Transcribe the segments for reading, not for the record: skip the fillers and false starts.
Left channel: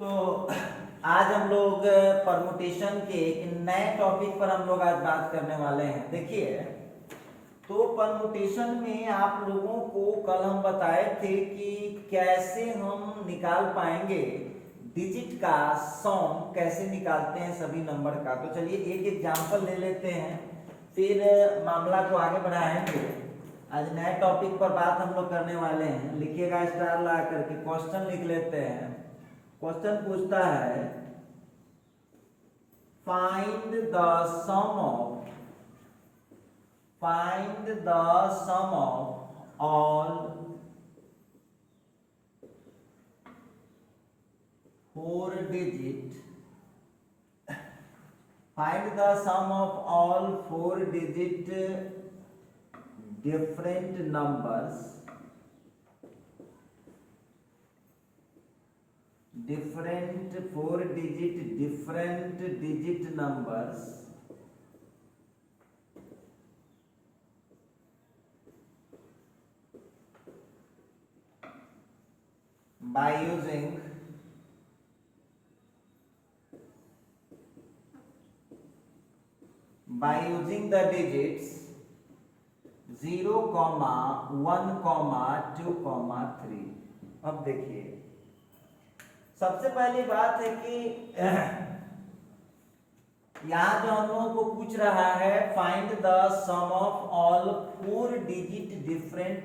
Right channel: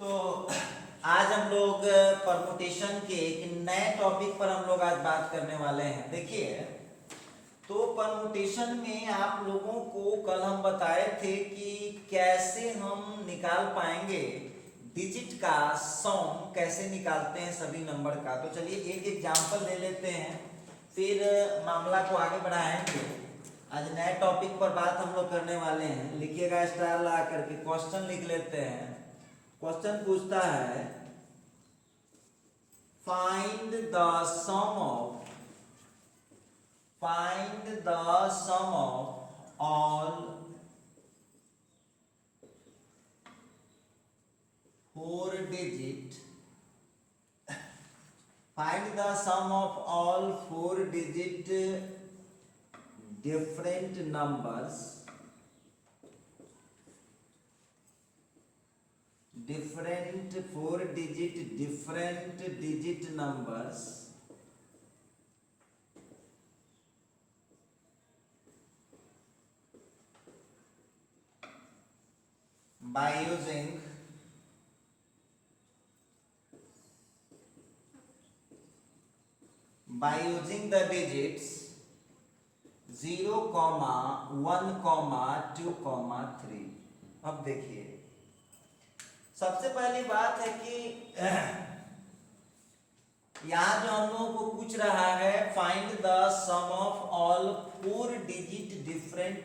तो आज हम लोग परमुटेशन के एक नए टॉपिक पर हम लोग आज बात करने वाले हैं। देखिए, तो परमुटेशन में आप लोगों को कल हम बताए थे कि कैसे हम निकाल पाएंगे डिजिट का सम, कैसे निकालते हैं सभी नंबर का। तो चलिए एक एग्जांपल ले लेते हैं, फिर मामला को आगे बढ़ाएंगे। आज नए टॉपिक पर बात हम लोग करने वाले हैं। लिखिएगा स्टार ला करके, क्वेश्चन लिख लेते हैं। क्वेश्चन पूछता है find the sum of all 4 digit find the sum of all 4 digit different numbers different 4 digit different digit numbers by using the digits 0, 1, 2, 3। अब देखिए, सबसे पहली बात है कि यहाँ जो हम लोगों को पूछ रहा है find the sum of all 4 digit different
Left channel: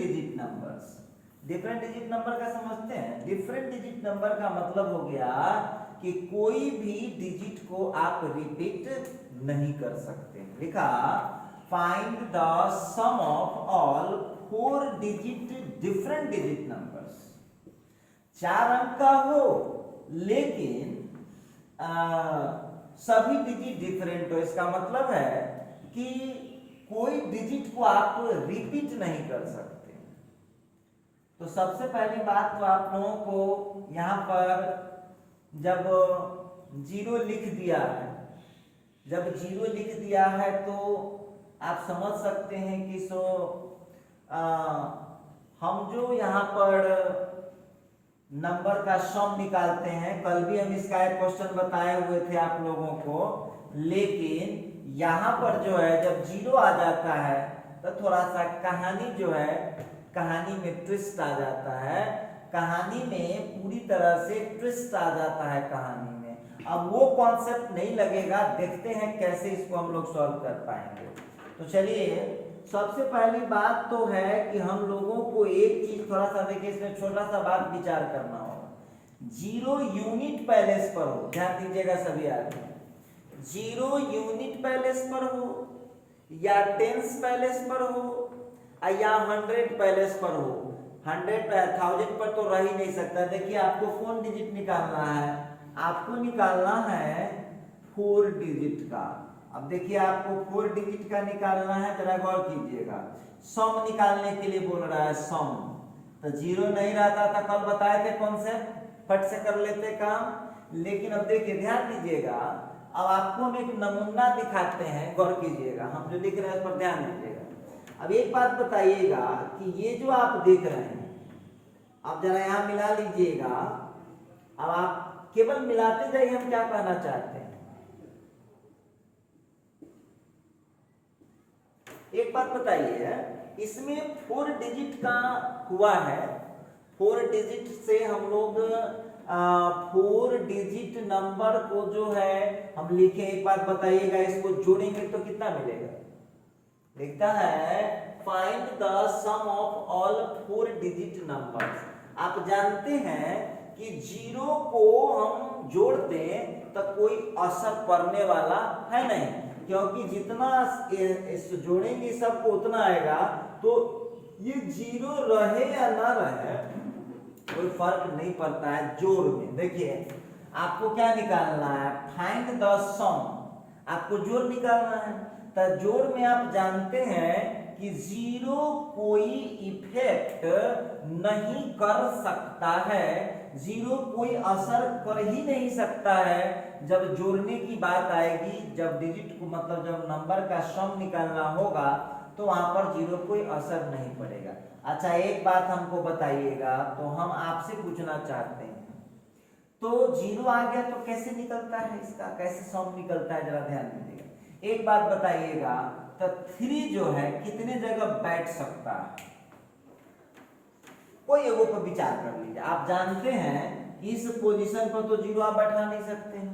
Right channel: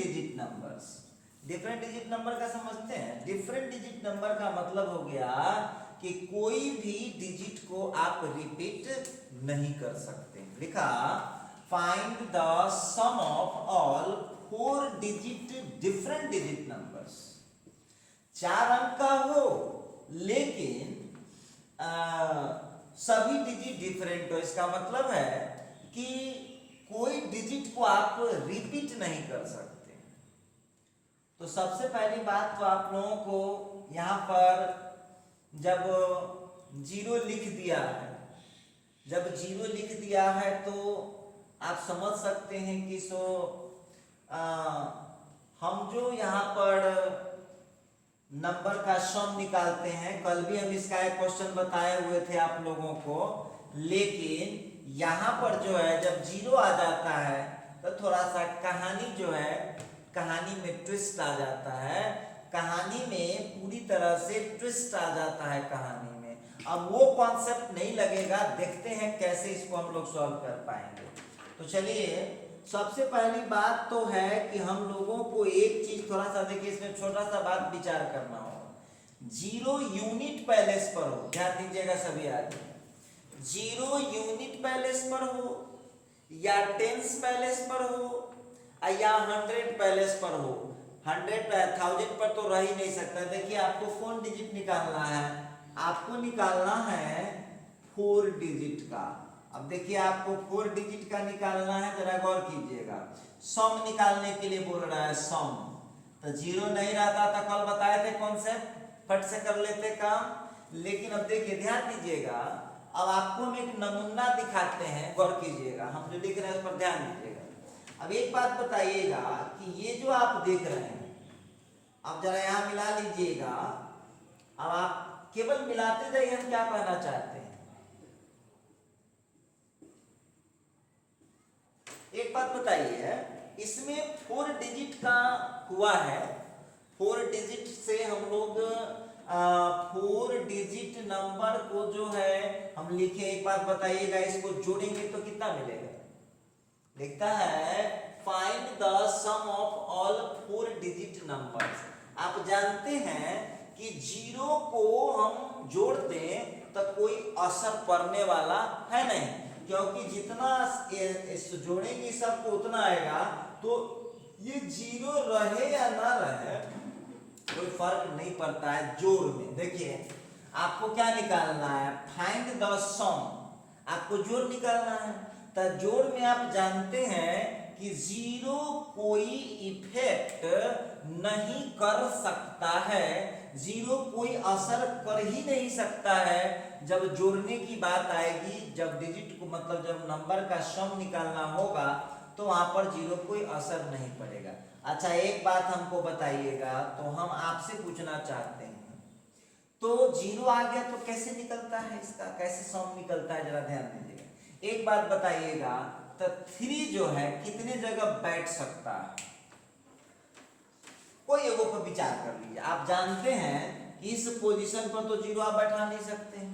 digit numbers। Different digit number का समझते हैं? डिफरेंट डिजिट नंबर का मतलब हो गया कि कोई भी डिजिट को आप रिपीट नहीं कर सकते। लिखा find the sum of all 4 digit different digit numbers। 4 अंक का हो लेकिन सभी डिजिट डिफरेंट हो। इसका मतलब है कि कोई डिजिट को आप रिपीट नहीं कर सकते। तो सबसे पहली बात तो आप लोगों को यहाँ पर जब 0 लिख दिया है, तो आप समझ सकते हैं कि हम जो यहाँ पर नंबर का सम निकालते हैं, कल भी हम इसका एक क्वेश्चन बताए हुए थे आप लोगों को, लेकिन यहाँ पर जो है जब 0 आ जाता है तो थोड़ा सा कहानी में ट्विस्ट आ जाता है। कहानी में पूरी तरह से ट्विस्ट आ जाता है कहानी में। अब वो कॉन्सेप्ट नहीं लगेगा, देखते हैं कैसे इसको हम लोग सॉल्व कर पाएंगे। तो चलिए, सबसे पहली बात तो है कि हम लोगों को एक चीज थोड़ा सा देखिए, इसमें छोटा सा बात विचार करना होगा। 0 यूनिट पैलेस पर हो, ध्यान दीजिएगा सभी आदमी। 0 यूनिट पैलेस पर हो या टेंस पैलेस पर हो या 100 पैलेस पर हो। 100,000 पर तो रह ही नहीं सकता। देखिए, आपको कौन डिजिट निकालना है? आपको निकालना है 4 डिजिट का। अब देखिए, आपको 4 डिजिट का निकालना है, जरा गौर कीजिएगा। सम निकालने के लिए बोल रहा है, सम। तो 0 नहीं रहता था, कल बताए थे कॉन्सेप्ट, फट से कर लेते काम। लेकिन अब देखिए, ध्यान दीजिएगा, अब आपको हम एक नमूना दिखाते हैं, गौर कीजिएगा। हम जो लिख रहे हैं उस पर ध्यान दीजिएगा। अब एक बात बताइएगा कि ये जो आप देख रहे हैं, आप जरा यहां मिला लीजिएगा। अब आप केवल मिलाते जाइए, हम क्या कहना चाहते हैं। एक बात बताइए, इसमें 4 डिजिट का हुआ है। 4 डिजिट से हम लोग 4 डिजिट नंबर को जो है हम लिखे। एक बात बताइएगा, इसको जोड़ेंगे तो कितना मिलेगा? लिखता है find the sum of all 4 digit numbers. आप जानते हैं कि 0 को हम जोड़ दें तो कोई असर पड़ने वाला है नहीं, क्योंकि जितना जोड़ेंगे सबको उतना आएगा। तो ये 0 रहे या ना रहे कोई फर्क नहीं पड़ता है जोड़ में। देखिए, आपको क्या निकालना है? फाइंड द सम, आपको जोड़ निकालना है। तो जोड़ में आप जानते हैं कि 0 कोई इफेक्ट नहीं कर सकता है, 0 कोई असर कर ही नहीं सकता है जब जोड़ने की बात आएगी। जब डिजिट को मतलब जब नंबर का सम निकालना होगा तो वहां पर 0 कोई असर नहीं पड़ेगा। अच्छा एक बात हमको बताइएगा, तो हम आपसे पूछना चाहते हैं, तो जीरो आ गया तो कैसे निकलता है, इसका कैसे सम निकलता है, जरा ध्यान दीजिएगा। एक बात बताइएगा, तो 3 जो है कितने जगह बैठ सकता है, कोई एगो पर विचार कर लीजिए। आप जानते हैं कि इस पोजीशन पर तो जीरो आप बैठा नहीं सकते हैं,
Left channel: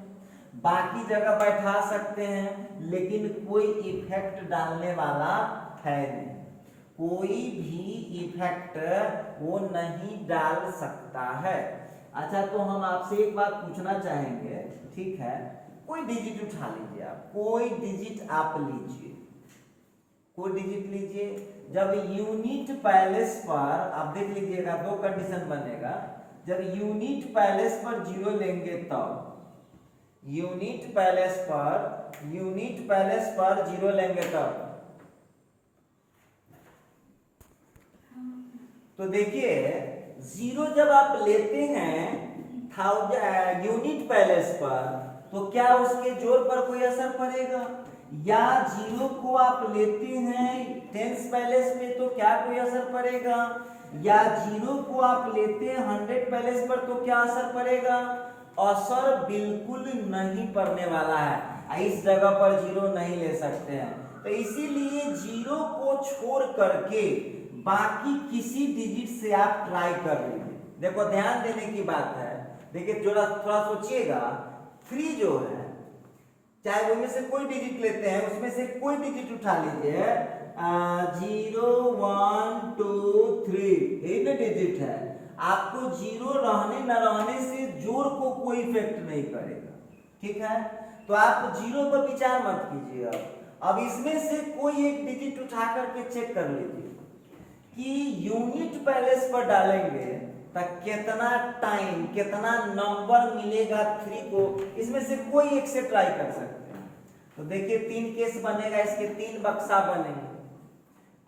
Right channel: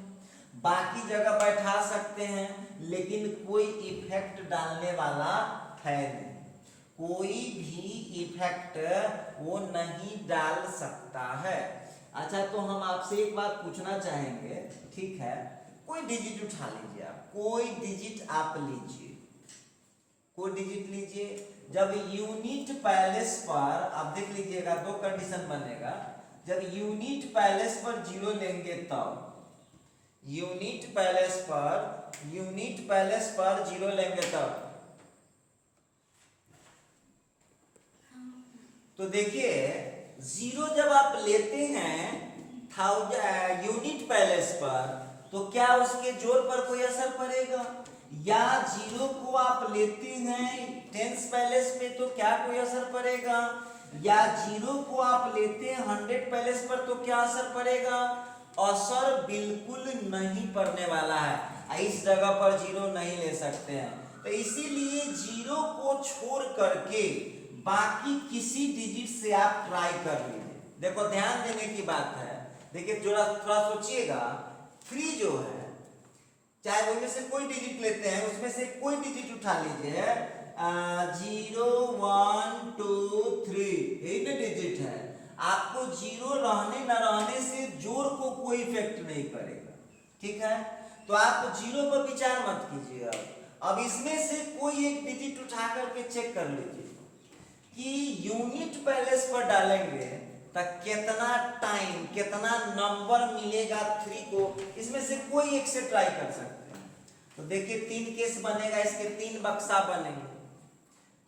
बाकी जगह बैठा सकते हैं, लेकिन कोई इफेक्ट डालने वाला है नहीं, कोई भी इफेक्ट वो नहीं डाल सकता है। अच्छा तो हम आपसे एक बात पूछना चाहेंगे, ठीक है, कोई डिजिट उठा लीजिए, आप कोई डिजिट आप लीजिए, कोई डिजिट लीजिए। जब यूनिट पैलेस पर आप देख लीजिएगा, दो कंडीशन बनेगा, जब यूनिट पैलेस पर जीरो लेंगे तब, यूनिट पैलेस पर जीरो लेंगे तब, तो देखिए जीरो जब आप लेते हैं यूनिट पैलेस पर, तो क्या उसके जोड़ पर कोई असर पड़ेगा, या जीरो को आप लेते हैं टेंस पैलेस में तो क्या कोई असर पड़ेगा, या जीरो को आप लेते हैं 100 पैलेस पर तो क्या असर पड़ेगा, असर बिल्कुल नहीं पड़ने वाला है, इस जगह पर जीरो नहीं ले सकते हैं। तो इसीलिए जीरो को छोड़ करके बाकी किसी डिजिट से आप ट्राई कर लीजिए। देखो ध्यान देने की बात है, देखिए थोड़ा सोचिएगा, 3 जो है चाहे उनमें से कोई डिजिट लेते हैं, उसमें से कोई डिजिट उठा लीजिए, 0 1 2 3 यही ना डिजिट है, आपको जीरो रहने न रहने से जोड़ को कोई इफेक्ट नहीं करेगा, ठीक है। तो आप जीरो पर विचार मत कीजिए। अब इसमें से कोई एक डिजिट उठा करके चेक कर लीजिए कि यूनिट पैलेस पर डालेंगे तो कितना टाइम, कितना नंबर मिलेगा 3 को, इसमें से कोई एक से ट्राई कर सकते हैं। तो देखिए 3 केस बनेगा, इसके 3 बक्सा बनेंगे।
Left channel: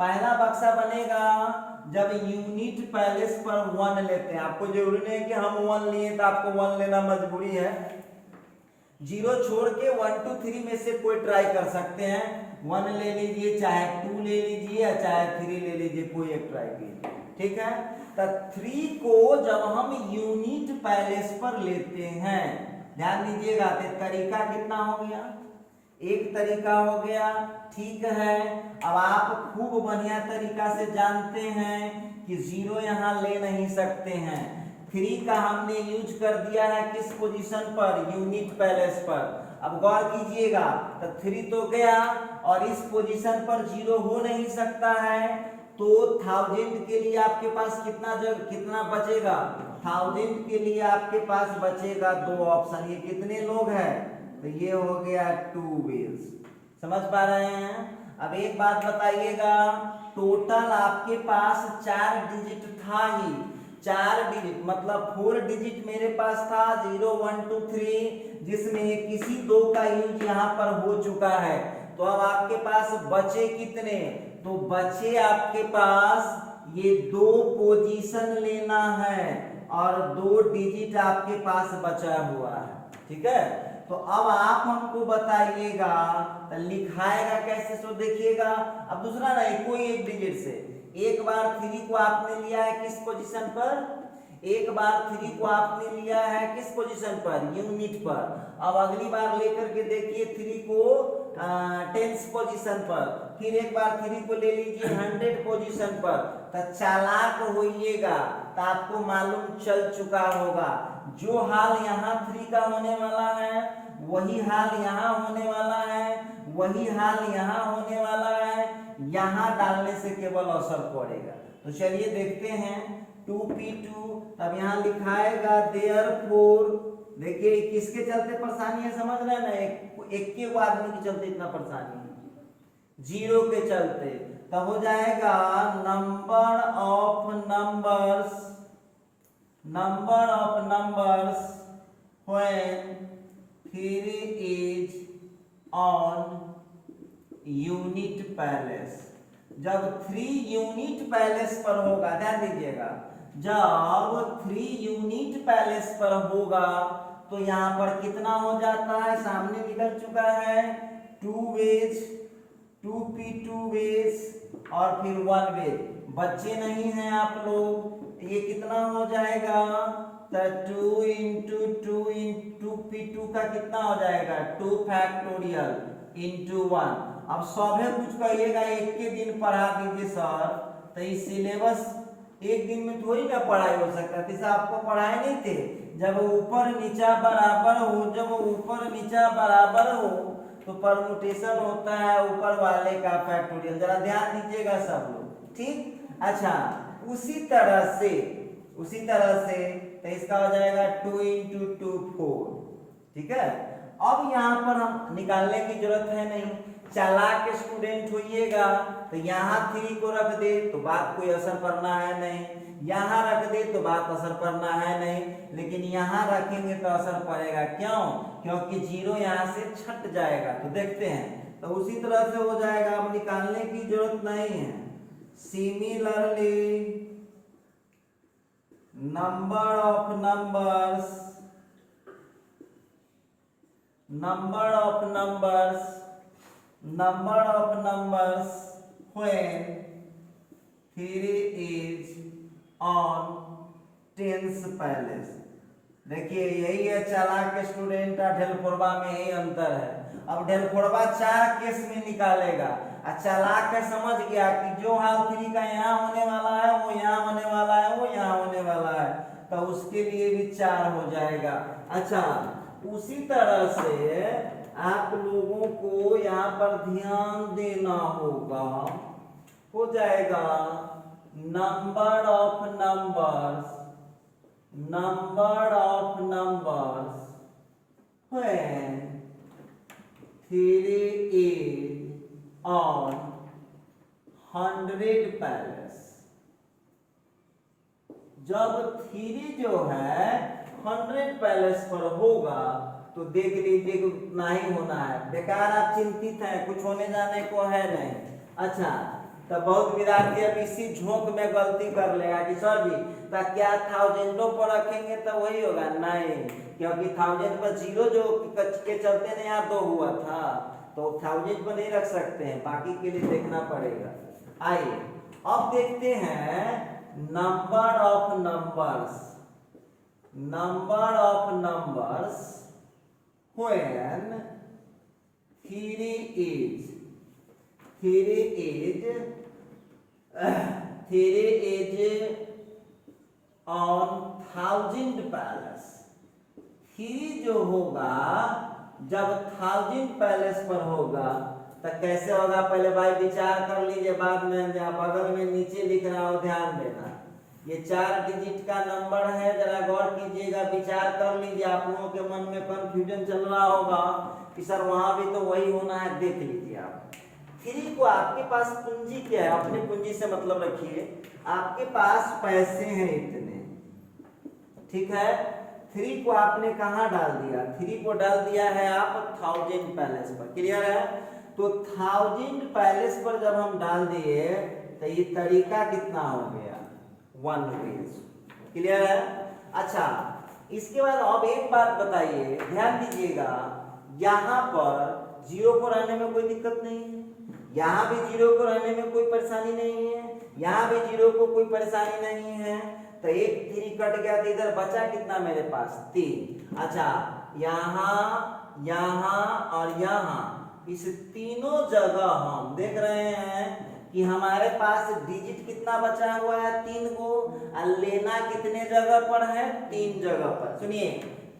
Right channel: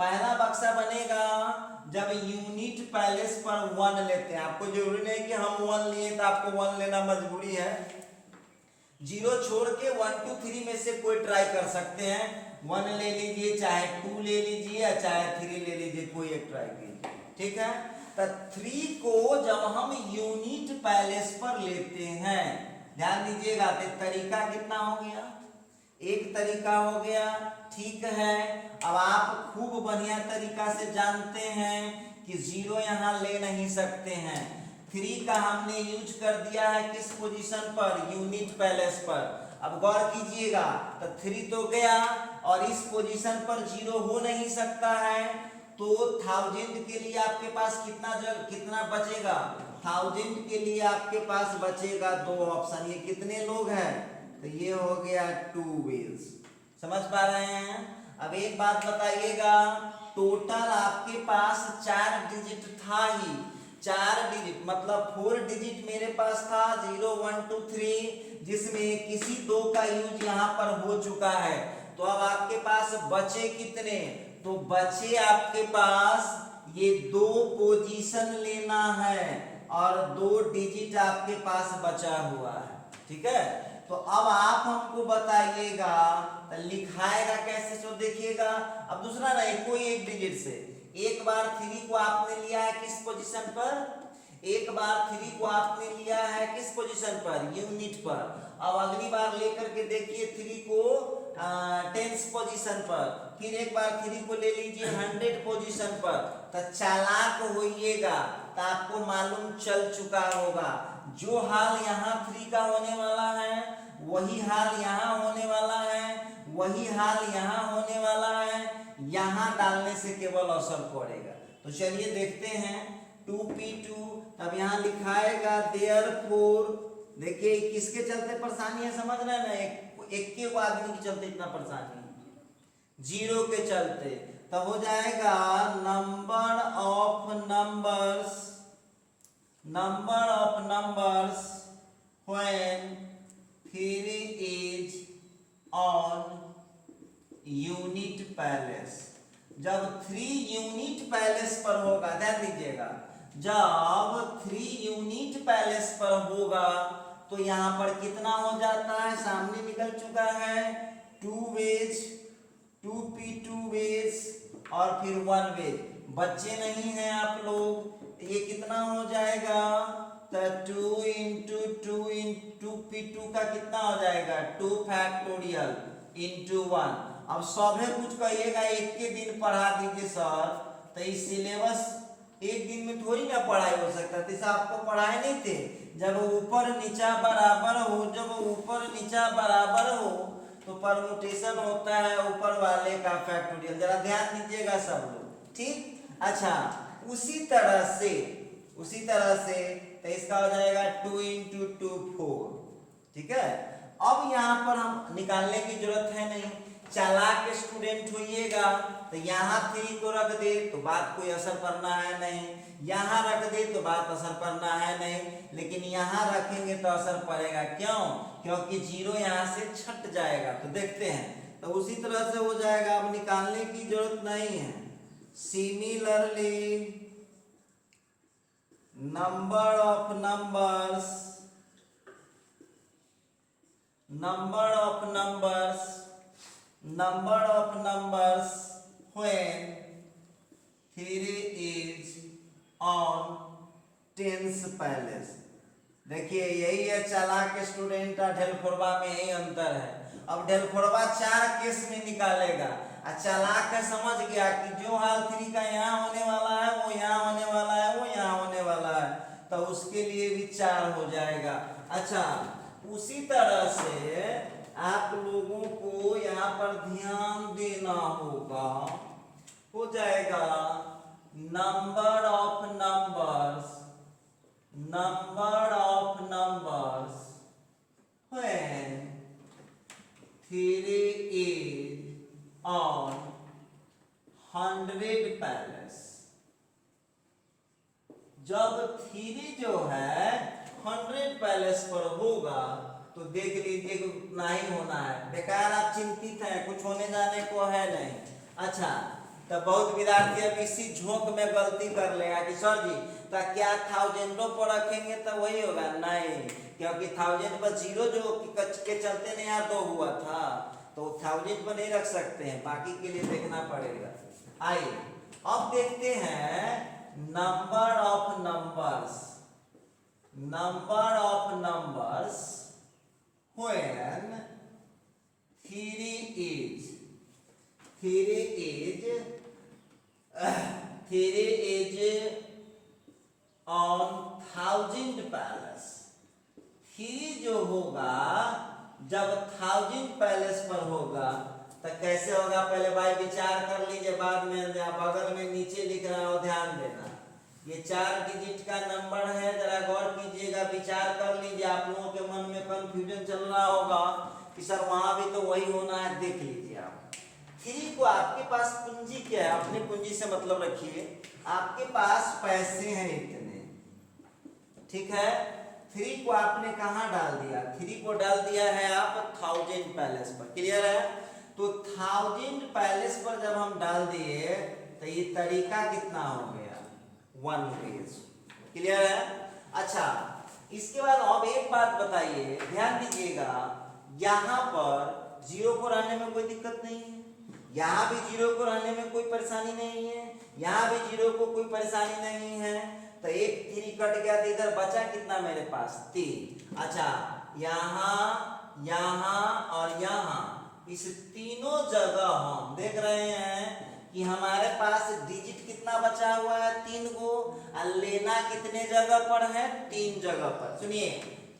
पहला बक्सा बनेगा जब यूनिट पैलेस पर 1 लेते हैं, आपको जरूरी नहीं कि हम 1 लिए तो आपको 1 लेना मजबूरी है, जीरो छोड़ के 1 2 3 में से कोई ट्राई कर सकते हैं, 1 ले लीजिए, चाहे 2 ले लीजिए, चाहे 3 ले लीजिए, कोई एक ट्राई कीजिए, ठीक है। तो 3 को जब हम यूनिट पैलेस पर लेते हैं, ध्यान दीजिएगा, तो तरीका कितना हो गया, एक तरीका हो गया, ठीक है। अब आप खूब बढ़िया तरीका से जानते हैं कि जीरो यहां ले नहीं सकते हैं, 3 का हमने यूज कर दिया है किस पोजीशन पर, यूनिट पैलेस पर। अब गौर कीजिएगा, तो 3 तो गया और इस पोजीशन पर जीरो हो नहीं सकता है, तो 1000 के लिए आपके पास कितना बचेगा, 1000 के लिए आपके पास बचेगा 2 ऑप्शन। ये कितने लोग हैं, तो ये हो गया 2 वेज, समझ पा रहे हैं। अब एक बात बताइएगा, टोटल आपके पास 4 डिजिट था ही, 4 डिजिट मतलब 4 डिजिट मेरे पास था, 0 1 2 3, जिसमें किसी 2 का यूज यहाँ पर हो चुका है। तो अब आपके पास बचे कितने, तो बचे आपके पास ये 2 पोजीशन लेना है और 2 डिजिट आपके पास बचा हुआ है, ठीक है। तो अब आप हमको बताइएगा लिखाएगा कैसे, सो देखिएगा। अब दूसरा नहीं, कोई एक डिजिट से, एक बार 3 को आपने लिया है किस पोजीशन पर, एक बार 3 को आपने लिया है किस पोजीशन पर, यूनिट पर। अब अगली बार लेकर के देखिए 3 को टेंस पोजीशन पर, फिर एक बार 3 को ले लीजिए 100 पोजीशन पर। तो चालाक होइएगा, तो आपको मालूम चल चुका होगा, जो हाल यहाँ 3 का होने वाला है वही हाल यहाँ होने वाला है, वही हाल यहाँ होने वाला है, यहाँ डालने से केवल असर पड़ेगा। तो चलिए देखते हैं 2p2, अब यहाँ लिखाएगा therefore, देखिए किसके चलते परेशानी है समझ रहे हैं ना, एक के आदमी के चलते इतना परेशानी है, जीरो के चलते। तो हो जाएगा number of numbers when 3 is on unit palace, जब 3 यूनिट पैलेस पर होगा, ध्यान दीजिएगा, जब 3 यूनिट पैलेस पर होगा तो यहां पर कितना हो जाता है, सामने निकल चुका है 2 वेज, 2p2 वेज और फिर 1 वेज, बच्चे नहीं हैं आप लोग, ये कितना हो जाएगा, तो 2 इंटू 2 इंटू P2 का कितना हो जाएगा 2 फैक्टोरियल इंटू 1। अब सभी कुछ कहिएगा एक के दिन पढ़ा दीजिए सर, तो इस सिलेबस एक दिन में थोड़ी ना पढ़ाई हो सकता, जैसे आपको पढ़ाए नहीं थे, जब ऊपर नीचा बराबर हो, जब ऊपर नीचा बराबर हो तो परमुटेशन होता है ऊपर वाले का फैक्टोरियल, जरा ध्यान दीजिएगा सब लोग, ठीक। अच्छा उसी तरह से तो इसका हो जाएगा 2 इंटू 2 4, ठीक है। अब यहाँ पर हम निकालने की जरूरत है नहीं, चालाक स्टूडेंट होइएगा तो यहाँ 3 को रख दे तो बात कोई असर करना है नहीं, यहाँ रख दे तो बात असर करना है नहीं, लेकिन यहाँ रखेंगे तो असर पड़ेगा, क्यों, क्योंकि 0 यहाँ से छट जाएगा। तो देखते हैं, तो उसी तरह से हो जाएगा, अब निकालने की जरूरत नहीं है। Similarly number of numbers when 3 is on tens palace. देखिए यही है चालाक स्टूडेंट का ढेलफोड़वा में यही अंतर है। अब ढेलफोड़वा 4 केस में निकालेगा, चालाक है समझ गया कि जो हाल 3 का यहाँ होने वाला है वो यहाँ होने वाला है वो यहाँ होने वाला है, तो उसके लिए भी 4 हो जाएगा। अच्छा उसी तरह से आप लोगों को यहाँ पर ध्यान देना होगा, हो जाएगा number of numbers when 3 is on 100 palace. जब 3 जो है 100 पैलेस पर होगा तो देख लीजिए कि उतना ही होना है, बेकार आप चिंतित हैं, कुछ होने जाने को है नहीं। अच्छा तो बहुत विद्यार्थी अब इसी झोंक में गलती कर लेगा कि सर जी तो क्या थाउजेंडों पर रखेंगे तो वही होगा, नहीं, क्योंकि 1000 पर 0 जो के चलते नहीं यहाँ 2 हुआ था, तो 1000 पर नहीं रख सकते हैं, बाकी के लिए देखना पड़ेगा। आइए अब देखते हैं number of numbers when 3 is on 1000 palace. 3 जो होगा जब 1000 पैलेस पर होगा तो कैसे होगा, पहले भाई विचार कर लीजिए, बाद में आप अगर में नीचे लिख रहा हो ध्यान देना, ये 4 डिजिट का नंबर है, जरा गौर कीजिएगा, विचार कर लीजिए। आप लोगों के मन में कंफ्यूजन चल रहा होगा कि सर वहां भी तो वही होना है, देख लीजिए आप 3 को, आपके पास पूंजी क्या है, अपनी पूंजी से मतलब रखिए, आपके पास पैसे हैं इतने, ठीक है। 3 को आपने कहाँ डाल दिया, 3 को डाल दिया है आप 1000 पैलेस पर, क्लियर है। तो 1000 पैलेस पर जब हम डाल दिए तो ये तरीका कितना हो गया 1 रुपीज, क्लियर है। अच्छा इसके बाद अब एक बात बताइए, ध्यान दीजिएगा, यहाँ पर 0 को रहने में कोई दिक्कत नहीं है, यहाँ भी 0 को रहने में कोई परेशानी नहीं है, यहाँ भी 0 को कोई परेशानी नहीं है, तो एक 3 कट गया तो इधर बचा कितना मेरे पास 3। अच्छा यहाँ और यहाँ इस तीनों जगह हम देख रहे हैं कि हमारे पास डिजिट कितना बचा हुआ है 3 को, और लेना कितने जगह पर है 3 जगह पर। सुनिए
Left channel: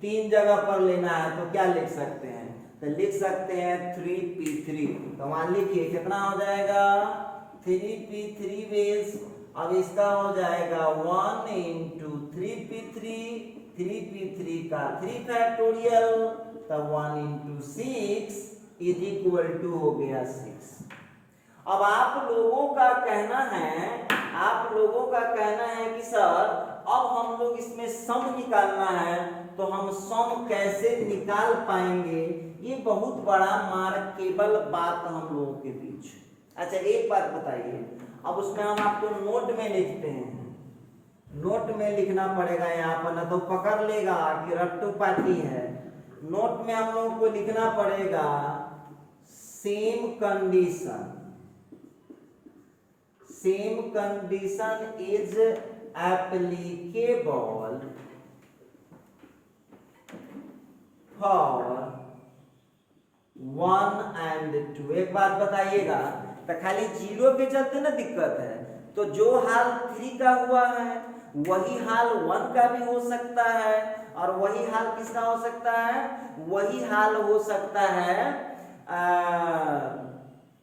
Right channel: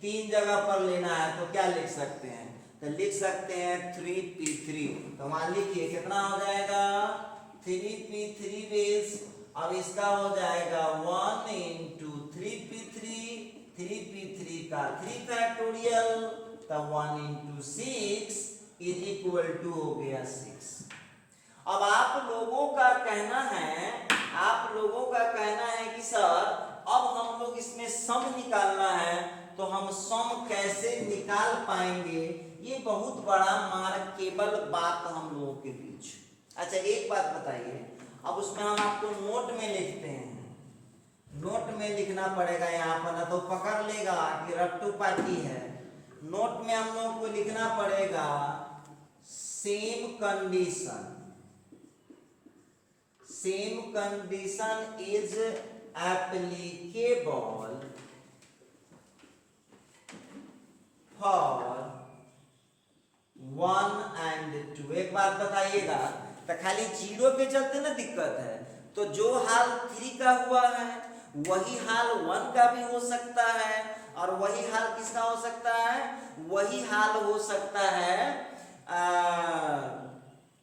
3 जगह पर लेना है तो क्या लिख सकते हैं, तो लिख सकते हैं 3p3, तो वहां लिखिए कितना हो जाएगा 3p3 बेस। अब इसका हो जाएगा 1 इंटू 3p3 का 3 फैक्टोरियल, तो 1 इंटू 6 इज इक्वल टू हो गया 6। अब आप लोगों का कहना है कि सर अब हम लोग इसमें सम निकालना है, तो हम सम कैसे निकाल पाएंगे, ये बहुत बड़ा मार्केबल बात हम लोगों के बीच। अच्छा एक बात बताइए, अब उसमें हम आपको नोट में लिखते हैं, नोट में लिखना पड़ेगा यहाँ पर, ना तो पकड़ लेगा कि रट्टू पार्टी है। नोट में हम लोगों को लिखना पड़ेगा same same condition is applicable for 1 and 2। एक बात बताइएगा, तो खाली 0 के चलते ना दिक्कत है, तो जो हाल 3 का हुआ है वही हाल 1 का भी हो सकता है, और वही हाल किसका हो सकता है, वही हाल हो सकता है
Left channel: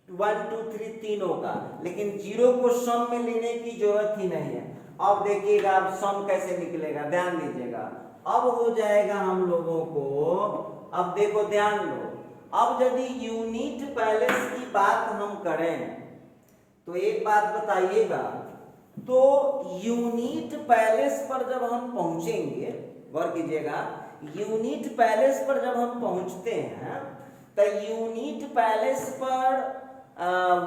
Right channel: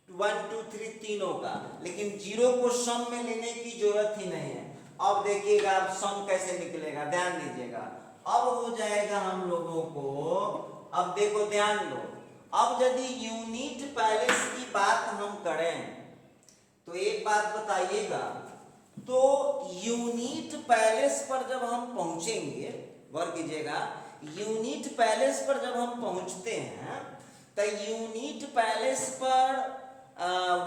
1 2 3 तीनों का। लेकिन 0 को सम में लेने की जरूरत ही नहीं है। अब देखिएगा अब सम कैसे निकलेगा, ध्यान दीजिएगा। अब हो जाएगा हम लोगों को, अब देखो ध्यान दो, अब यदि यूनिट पैलेस की बात हम करें तो एक बात बताइएगा, तो यूनिट पैलेस पर जब हम पहुंचेंगे, गौर कीजिएगा, यूनिट पैलेस पर जब हम पहुंचते हैं तो यूनिट पैलेस पर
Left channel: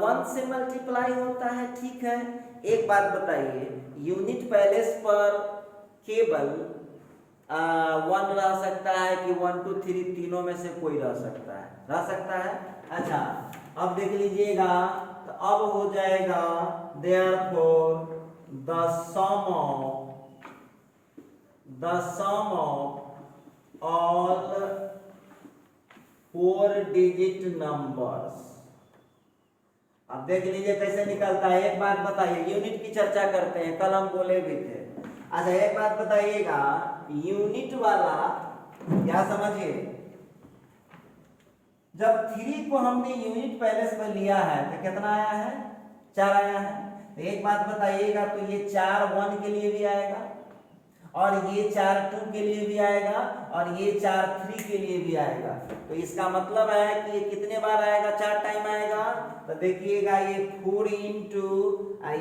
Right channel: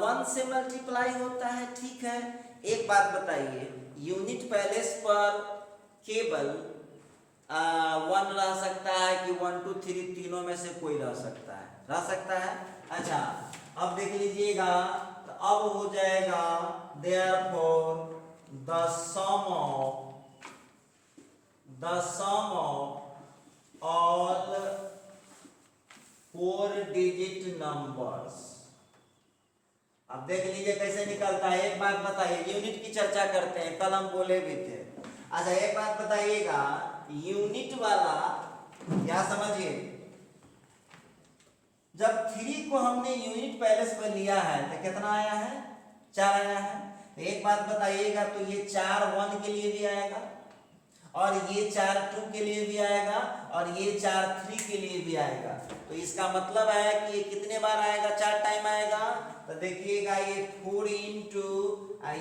1 से मल्टीप्लाई होता है, ठीक है। एक बात बताइए, यूनिट पैलेस पर केवल 1 रह सकता है कि 1 2 3 तीनों में से कोई रह सकता है, रह सकता है। अच्छा, अब देख लीजिएगा, तो अब हो जाएगा therefore the sum of all 4 digit numbers। अब देख लीजिए कैसे निकलता है। एक बात बताइए, यूनिट की चर्चा करते हैं, कल हम बोले भी थे। अच्छा, एक बात बताइएगा, यूनिट वाला क्या समझिए, जब 3 को हमने यूनिट पैलेस में लिया है तो कितना आया है, 4 आया है। एक बात बताइएगा, तो ये 4 1 के लिए भी आएगा, और ये 4 2 के लिए भी आएगा, और ये 4 3 के लिए भी आएगा। तो इसका मतलब है कि ये कितने बार आएगा, 4 टाइम आएगा। तो देखिएगा ये 4 इंटू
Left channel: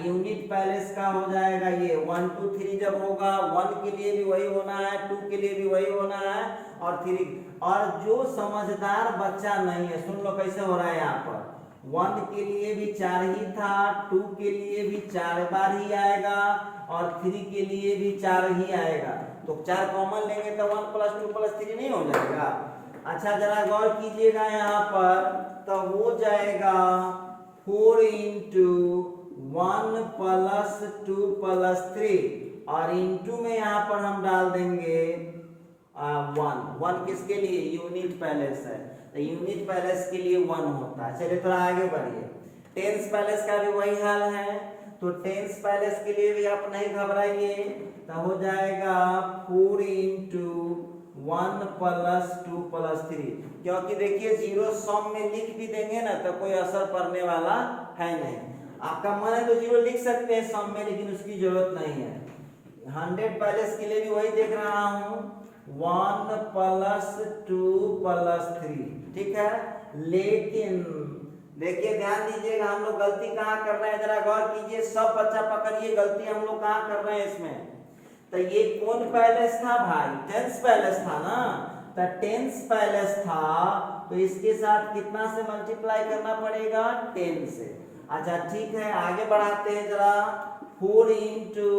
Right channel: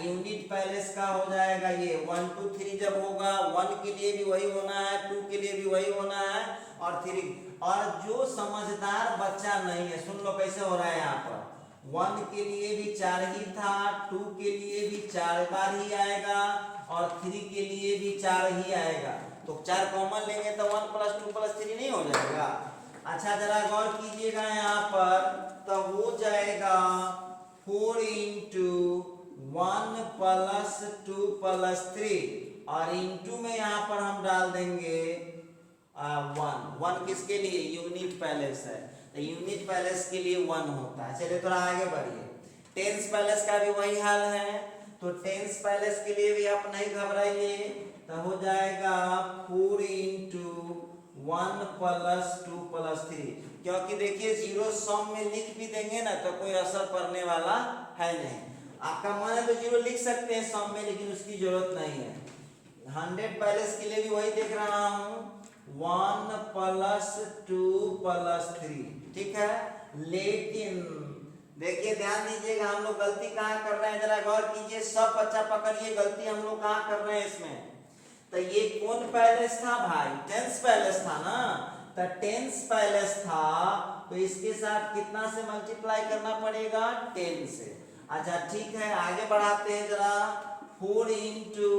यूनिट पैलेस का हो जाएगा, ये 1 2 3 जब होगा 1 के लिए भी वही होना है, 2 के लिए भी वही होना है, और 3। और जो समझदार बच्चा नहीं है, सुन लो कैसे हो रहा है यहाँ पर, 1 के लिए भी 4 ही था, 2 के लिए भी 4 बार ही आएगा, और 3 के लिए भी 4 ही आएगा। तो 4 कॉमन लेंगे तो 1 + 2 + 3 नहीं हो जाएगा। अच्छा, जरा गौर कीजिएगा यहाँ पर, तो हो जाएगा 4 इंटू 1 + 2 + 3, और इंटू में यहाँ पर हम डाल देंगे 1 किसके लिए, यूनिट पैलेस है, तो यूनिट पैलेस के लिए 1 होता है। चलिए थोड़ा आगे बढ़िए, टेंस पैलेस का भी वही हाल है, तो टेंस पैलेस के लिए भी आप नहीं घबराइए, तो हो जाएगा 4 इंटू 1 + 2 + 3। क्योंकि देखिए 0 सम में लिख भी देंगे ना तो कोई असर पड़ने वाला है नहीं। आपका मन है तो 0 लिख सकते हैं सम में, लेकिन उसकी जरूरत नहीं है। 100 पैलेस के लिए भी वही देख रहा हूँ, 1 + 2 + 3, ठीक है। लेकिन देखिए ध्यान दीजिएगा, हम लोग गलती कहाँ कर रहे हैं, जरा गौर कीजिए, सब बच्चा पकड़िए, गलती हम लोग कहाँ कर रहे हैं इसमें। तो ये कौन पैलेस था भाई, टेंस पैलेस था ना, तो टेंस पैलेस था, तो इसके साथ कितना से मल्टीप्लाई करना पड़ेगा, 10 से। अच्छा ठीक है, आगे बढ़ाते हैं जरा, 4 इंटू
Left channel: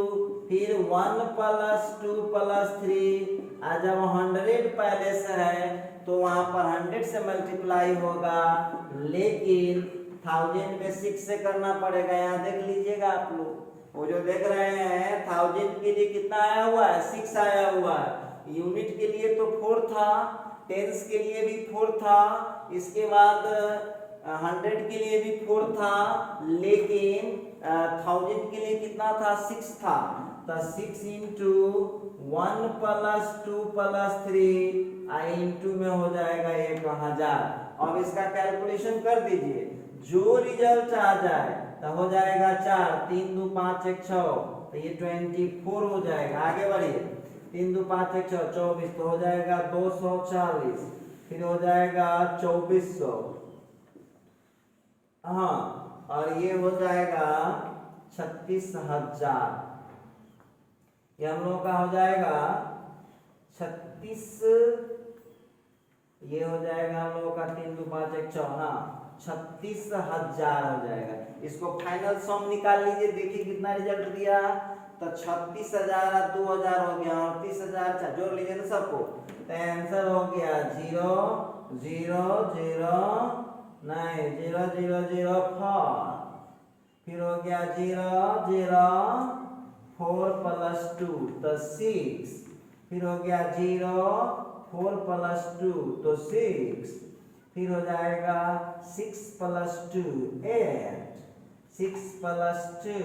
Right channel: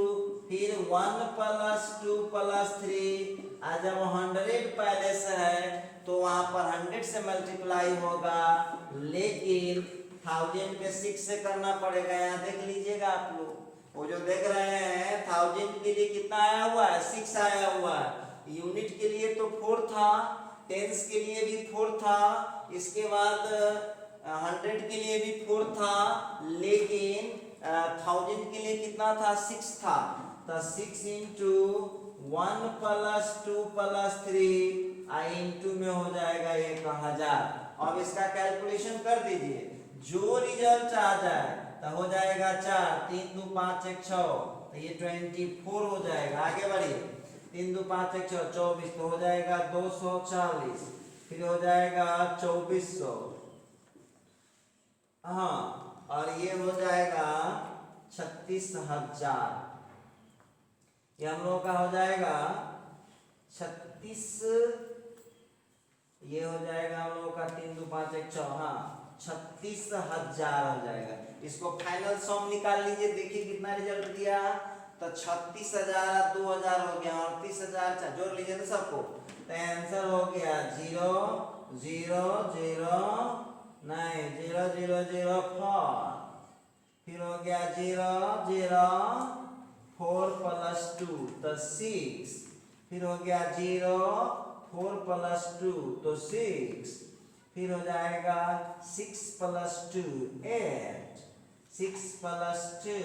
फिर 1 + 2 + 3। जब 100 पैलेस है तो वहां पर 100 से मल्टीप्लाई होगा, लेकिन 1000 में 6 से करना पड़ेगा। यहाँ देख लीजिएगा आप लोग, वो जो देख रहे हैं 1000 के लिए कितना आया हुआ है, 6 आया हुआ है। यूनिट के लिए तो 4 था, टेंस के लिए भी 4 था, इसके बाद 100 के लिए भी 4 था, लेकिन 1000 के लिए कितना था, 6 था। तो 6 इंटू 1 + 2 + 3 इंटू में हो जाएगा 1000। अब इसका कैलकुलेशन कर दीजिए, जो रिजल्ट आ जाए तो हो जाएगा 4 3 2 5 1 6, तो ये 24 हो जाएगा। आगे बढ़िए, 3 2 5 1 6 24, तो हो जाएगा 240, फिर हो जाएगा 2400, हाँ, और ये हो जाएगा 36000। ये हम लोगों का हो जाएगा 36, ये हो जाएगा हम लोगों का 3 2 5 1 6, हाँ 36,000 हो जाएगा। इसको फाइनल सम निकाल लीजिए, देखिए कितना रिजल्ट दिया, तो 36,000 2000 हो गया, 38,000 जोड़ लीजिए ना सबको, तो आंसर हो गया 0 0 0 नहीं 0 0 0 4, फिर हो गया 0 0 4 प्लस 2 तो 6, फिर हो गया 0 4 प्लस 2 तो 6, फिर हो जाएगा 6 प्लस 2 8, 6 प्लस 2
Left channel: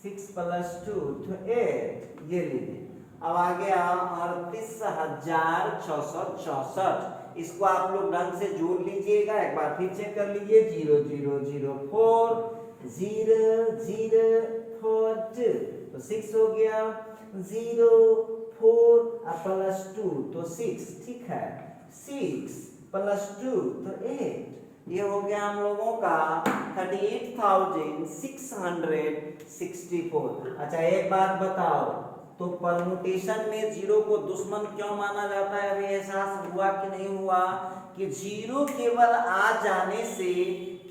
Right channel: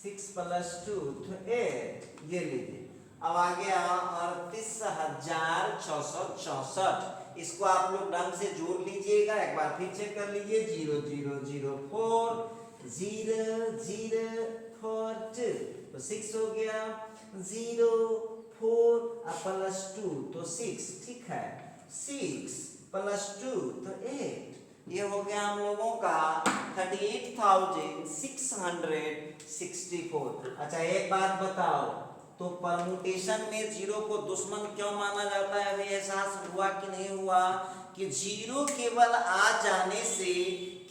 6 प्लस 2 तो 8, ये लीजिए। अब आ गया 38,664। इसको आप लोग ढंग से जोड़ लीजिएगा, एक बार फिर चेक कर लीजिए। 0 0 0 4 0 0 4 2 तो 6 हो गया, 0 4 प्लस 2 तो 6, ठीक है। 6 प्लस 2 तो 8, ये हो गया हम लोगों का 38,664। अच्छा एक बात बताओ, तो परमुटेशन में जीरो को दुश्मन क्यों माना जाता है? हमें एहसास हुआ कि नहीं हुआ कि जीरो केवल आ जाने से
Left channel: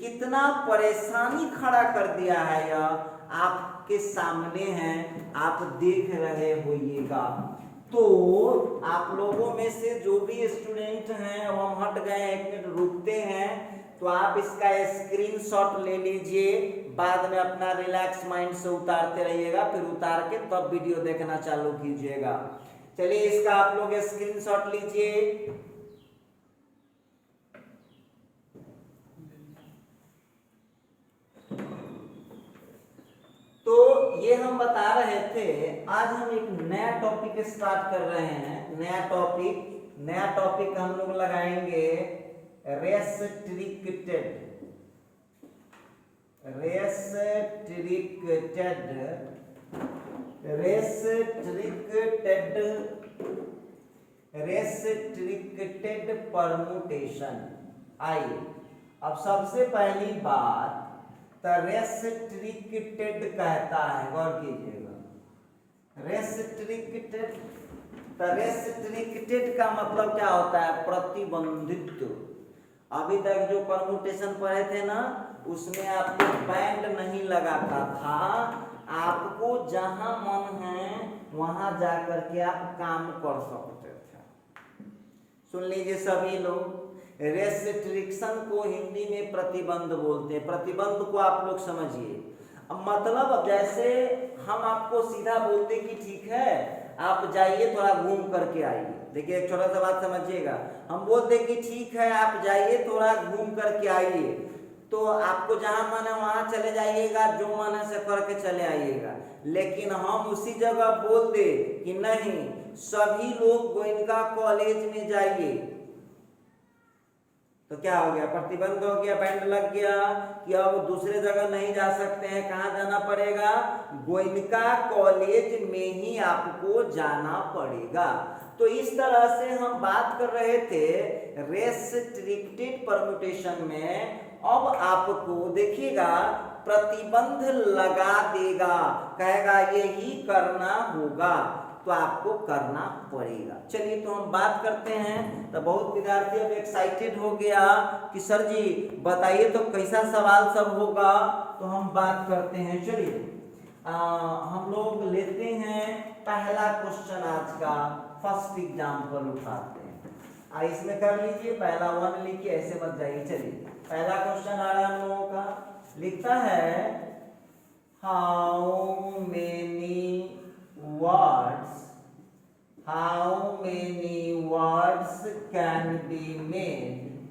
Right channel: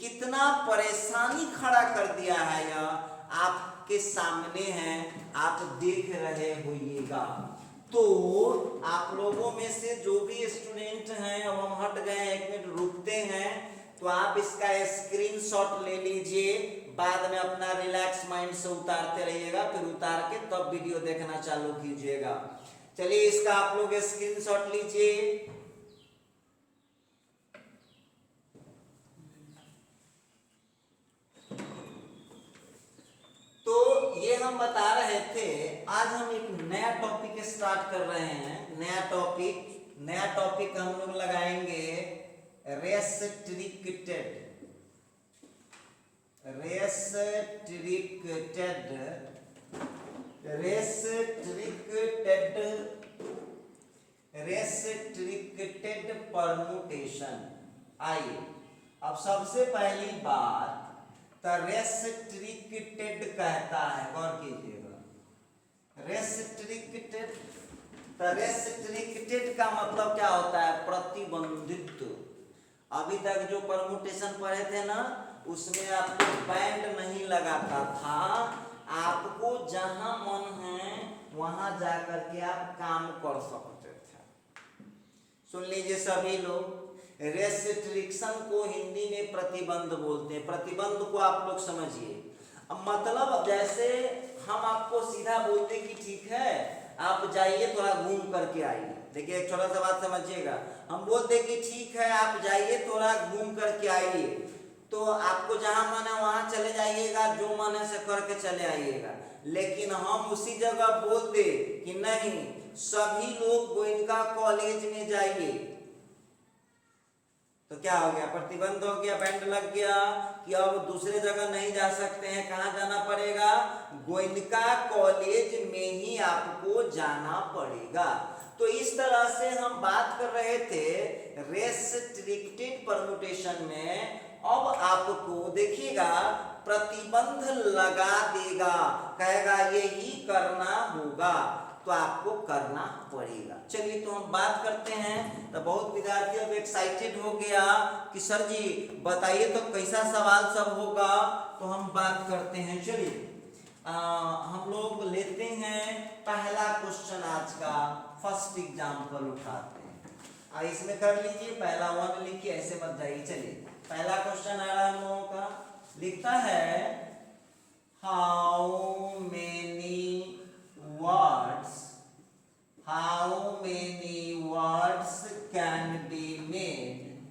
कितना परेशानी खड़ा कर दिया है, यह आपके सामने है, आप देख रहे होइएगा। तो आप लोगों में से जो भी स्टूडेंट हैं, अब हम हट गए, एक मिनट रुकते हैं, तो आप इसका स्क्रीनशॉट ले लीजिए, बाद में अपना रिलैक्स माइंड से उतारते रहिएगा, फिर उतार के तब वीडियो देखना चालू कीजिएगा। चलिए इसका आप लोग स्क्रीनशॉट लीजिए। तो ये हम बता रहे थे, आज हम एक नया टॉपिक स्टार्ट कर रहे हैं। नया टॉपिक हम लोग लगाएंगे रेस्ट्रिक्टेड परमुटेशन। आइए अब सबसे पहली बात, रेस्ट्रिक्टेड कहता है, गौर कीजिएगा। रेस्ट्रिक्टेड का मतलब क्या होता है? प्रतिबंधित। अभी तक जो परमुटेशन पढ़े थे ना, उसमें आपको बैंड नहीं लगाता था, आपको जहां मन है वहां जाकर के आप काम कर सकते थे। सुन लीजिए सभी लोग, रेस्ट्रिक्शन को हिंदी में प्रतिबंध बोलते हैं। प्रतिबंध को आप लोग समझिए। अब मतलब जैसे हम आपको सीधा बोलते कि ठीक है आप जाइए थोड़ा घूम करके आइए। देखिए एक छोटा सा बात समझिएगा, हम बोलते कि ठीक है आप जाइए थोड़ा घूम करके आइए, तो आपको जहां मन है वहां चले जाइएगा, जो मन है से करके चले आइएगा। लेकिन हम उसी जगह बोल दे कि नहीं सभी लोग गोयनका कॉलेज में जाइए, तो क्या हो गया? प्रतिबंध हो गया, बैंड लग गया कि अब दूसरे जगह नहीं जा सकते हैं। कहाँ जाना पड़ेगा? गोयनका कॉलेज में ही आपको जाना पड़ेगा। तो इस तरह से हम बात कर रहे थे रेस्ट्रिक्टेड परम्यूटेशन में। अब आपको देखिएगा प्रतिबंध लगा देगा, कहेगा यही करना होगा, तो आपको करना पड़ेगा। चलिए तो हम बात करते हैं। तो बहुत विद्यार्थी अब एक्साइटेड हो गया कि सर जी बताइए तो कैसा सवाल सब होगा, तो हम बात करते हैं। चलिए हम लोग लेते हैं पहला क्वेश्चन आज का, फर्स्ट एग्जाम्पल उठाते हैं। इसमें कर लीजिए, पहला 1 लिखिए, ऐसे मत जाइए। चलिए पहला क्वेश्चन आ रहा है हम लोगों का, लिखता है how many words can be made?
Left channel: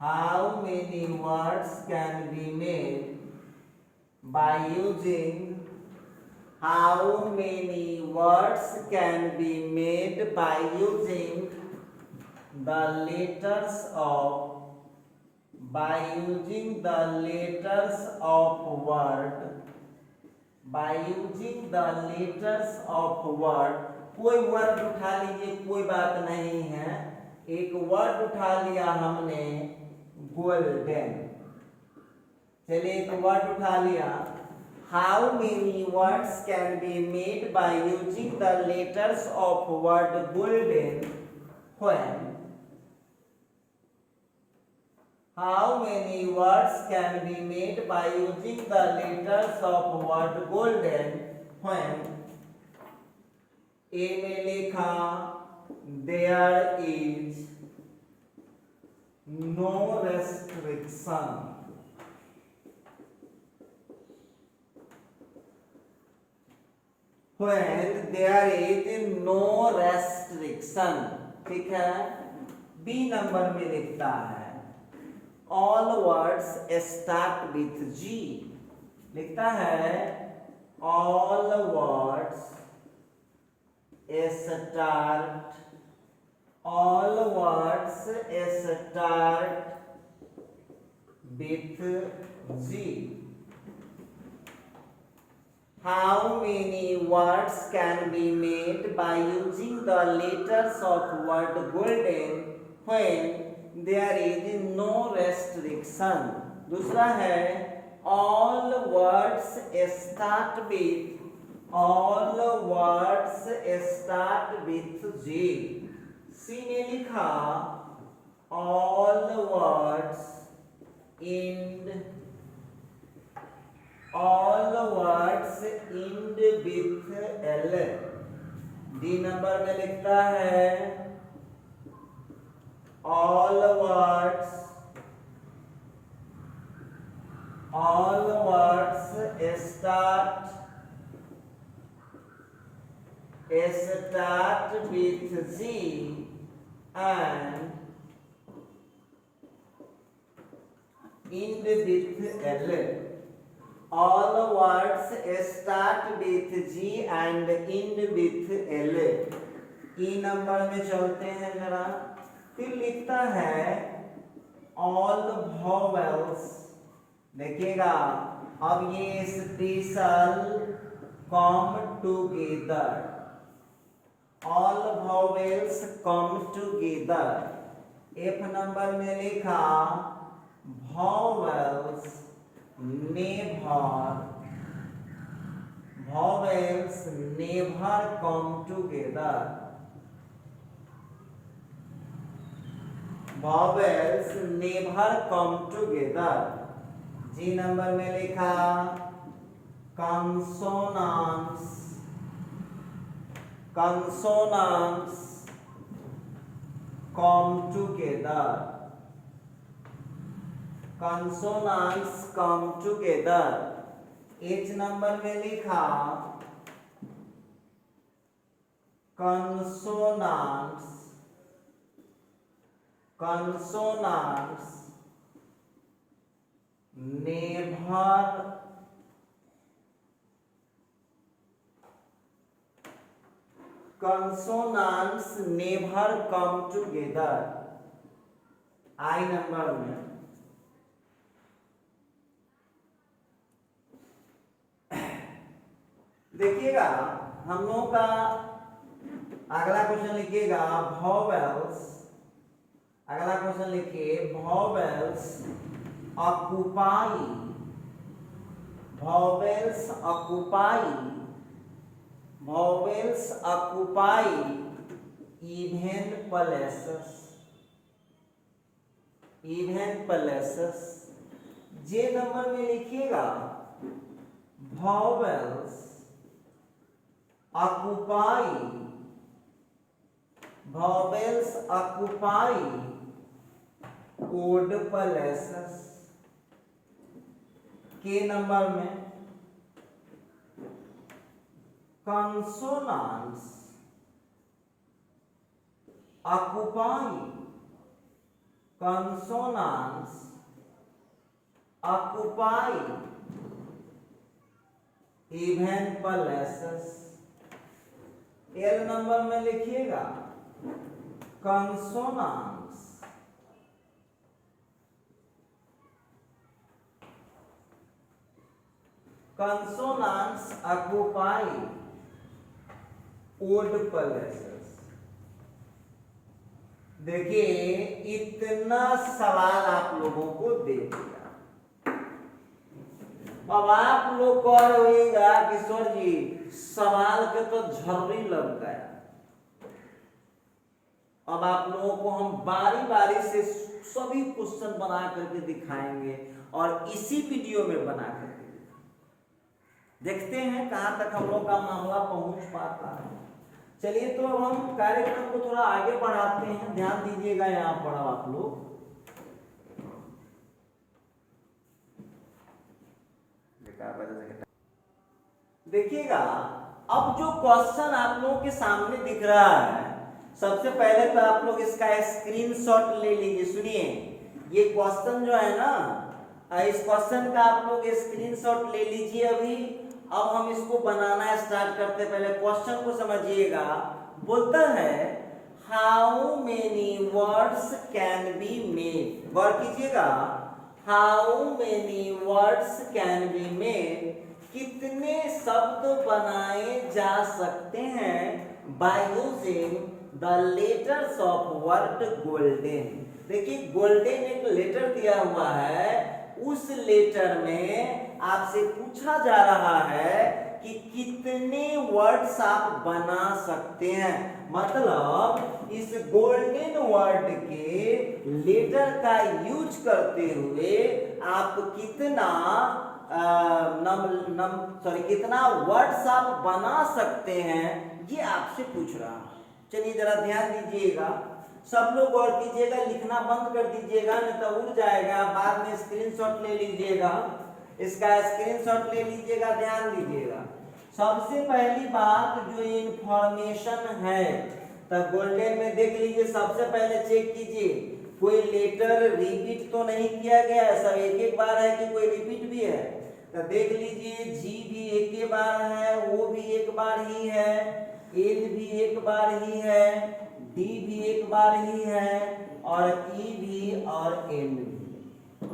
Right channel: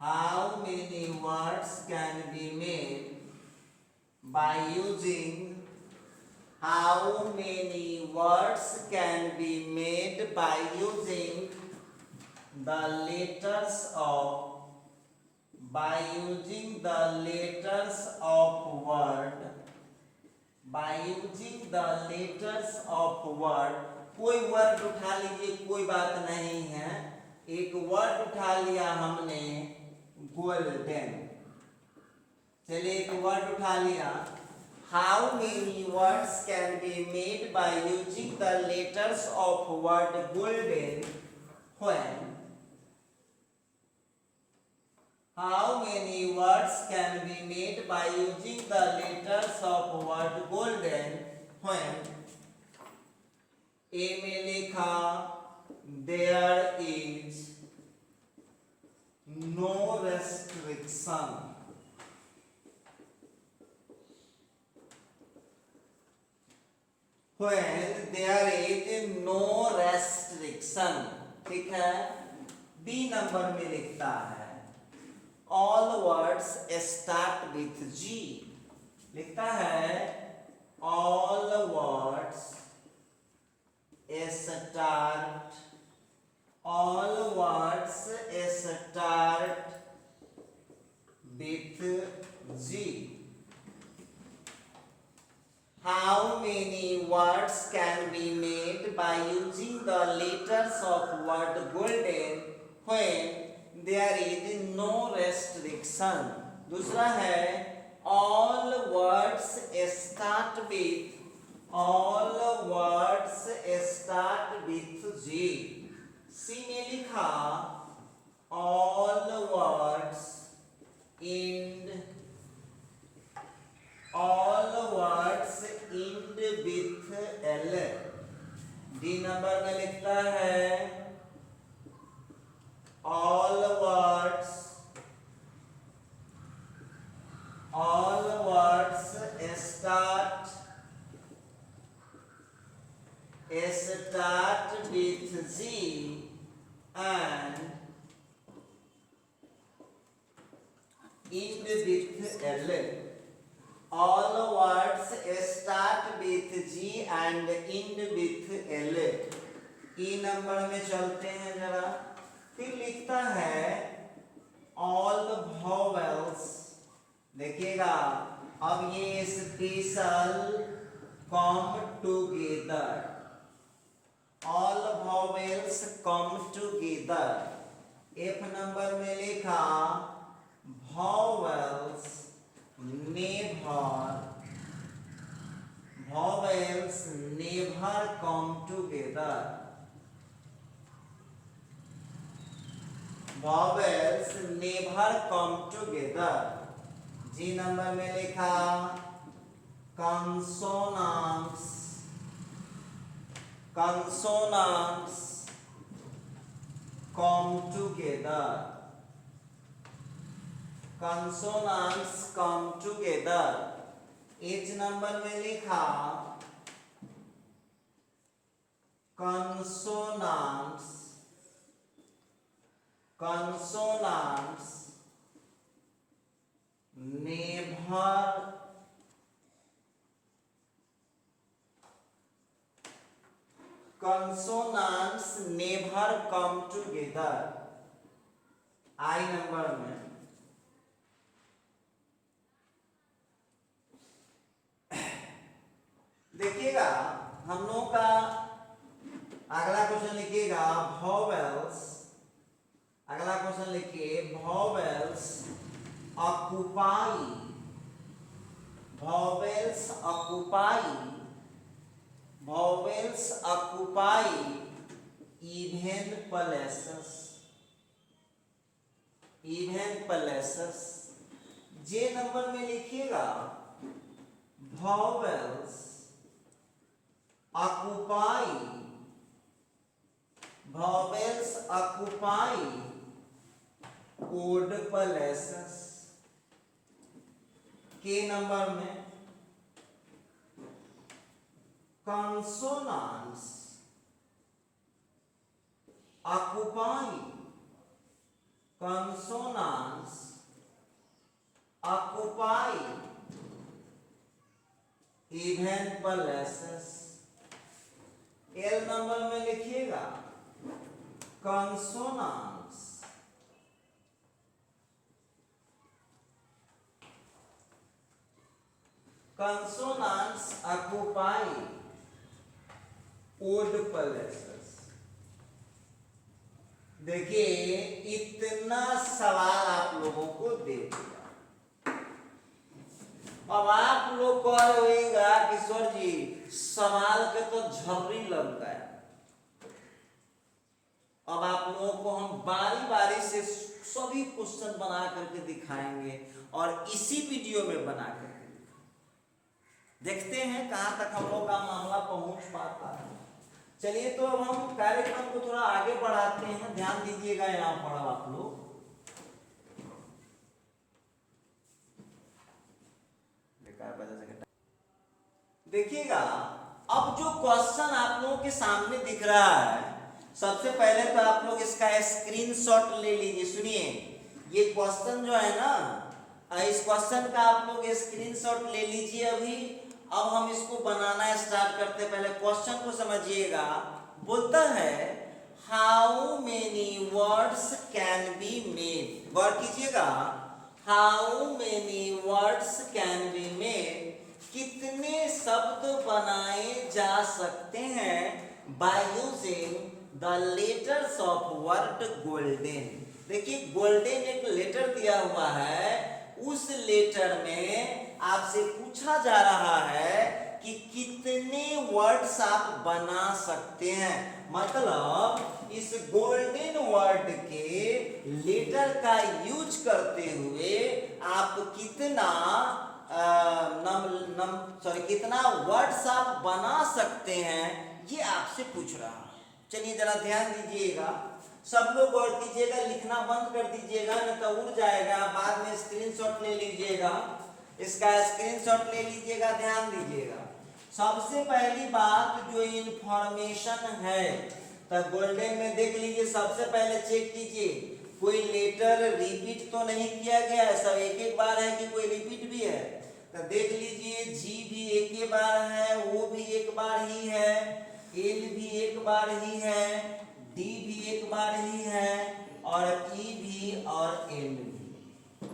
How many words can be made by using? How many words can be made by using the letters of word? By using the letters of word, कोई word उठा लीजिए, कोई बात नहीं है। एक word उठा लिया हमने, गोल्डन। चलिए एक वर्ड उठा लिया। How many words can be made by using the letters of word golden when? How many words can be made by using the letters of word golden when? A में लिखा there is no restriction. when there is no restriction, ठीक है। B number में लिखता है all words start with G, लिखता है all words start with G. How many words can be made by using the letters of word golden when there is no restriction? दूसरा है all words start with G. सी में लिखा all words end with L. D number में लिखता है all words start with G and end with L. All words start with G and end with L. E number में चलते हैं जरा। फिर लिखता है all vowels, देखिएगा अब ये special come together, all vowels come together. F number में लिखा vowels never come together. Vowels never come together. जी नंबर में लिखा consonants come together. Consonants come together. H number में लिखा consonants never come together. आई number में देखिएगा हम लोगों का अगला क्वेश्चन लिखिएगा vowels। अगला क्वेश्चन लिखिए vowels occupy even places। जे नंबर में लिखिएगा vowels occupy odd places। के नंबर में consonants occupy even places। L number में लिखिएगा consonants occupy odd places। देखिए इतना सवाल आप लोगों को दे दिया। अब आप लोग कह रहिएगा कि सर जी सवाल के तो झर्री लग गया। अब आप लोगों को हम बारी बारी से सभी क्वेश्चन बना करके दिखाएंगे और इसी वीडियो में बना करके देखते हैं कहां तक हम लोग का मामला पहुंच पाता है। चलिए तो अब हम कार्यक्रम को थोड़ा आगे बढ़ाते हैं। ध्यान दीजिएगा यहाँ पर आप लोग। देखिएगा अब जो क्वेश्चन आप लोगों के सामने दिख रहा है, सबसे पहले तो आप लोग इसका स्क्रीनशॉट ले लीजिए। सुनिए, ये क्वेश्चन जो है ना, इस क्वेश्चन का आप लोग स्क्रीनशॉट ले लीजिए अभी। अब हम इसको बनाना स्टार्ट करते, पहले क्वेश्चन को समझिएगा। बोलता है how many words can be made, गौर कीजिएगा, how many words can be made, कितने शब्द बनाए जा सकते हैं by using the letters of word golden. देखिए गोल्डन एक लेटर दिया हुआ है, उस लेटर में आपसे पूछा जा रहा है कि कितने वर्ड्स आप बना सकते हैं। मतलब इस गोल्डन वर्ड के लेटर का यूज करते हुए आप कितना कितना वर्ड्स आप बना सकते हैं, ये आपसे पूछ रहा है। चलिए जरा ध्यान दीजिएगा, सब लोग गौर कीजिएगा, लिखना बंद कर दीजिएगा नहीं तो उड़ जाएगा। बाद में स्क्रीनशॉट ले लीजिएगा, इसका स्क्रीनशॉट ले लीजिएगा, ध्यान दीजिएगा। सबसे पहली बात जो इंफॉर्मेशन है, तो गोल्डन में देख लीजिए, सबसे पहले चेक कीजिए कोई लेटर रिपीट तो नहीं किया गया है, सब एक एक बार है कि कोई रिपीट भी है। तो देख लीजिए, जी भी एक ही बार है, ओ भी एक बार ही है, एल भी एक बार ही है, डी भी एक बार ही है, और ई भी और एन भी,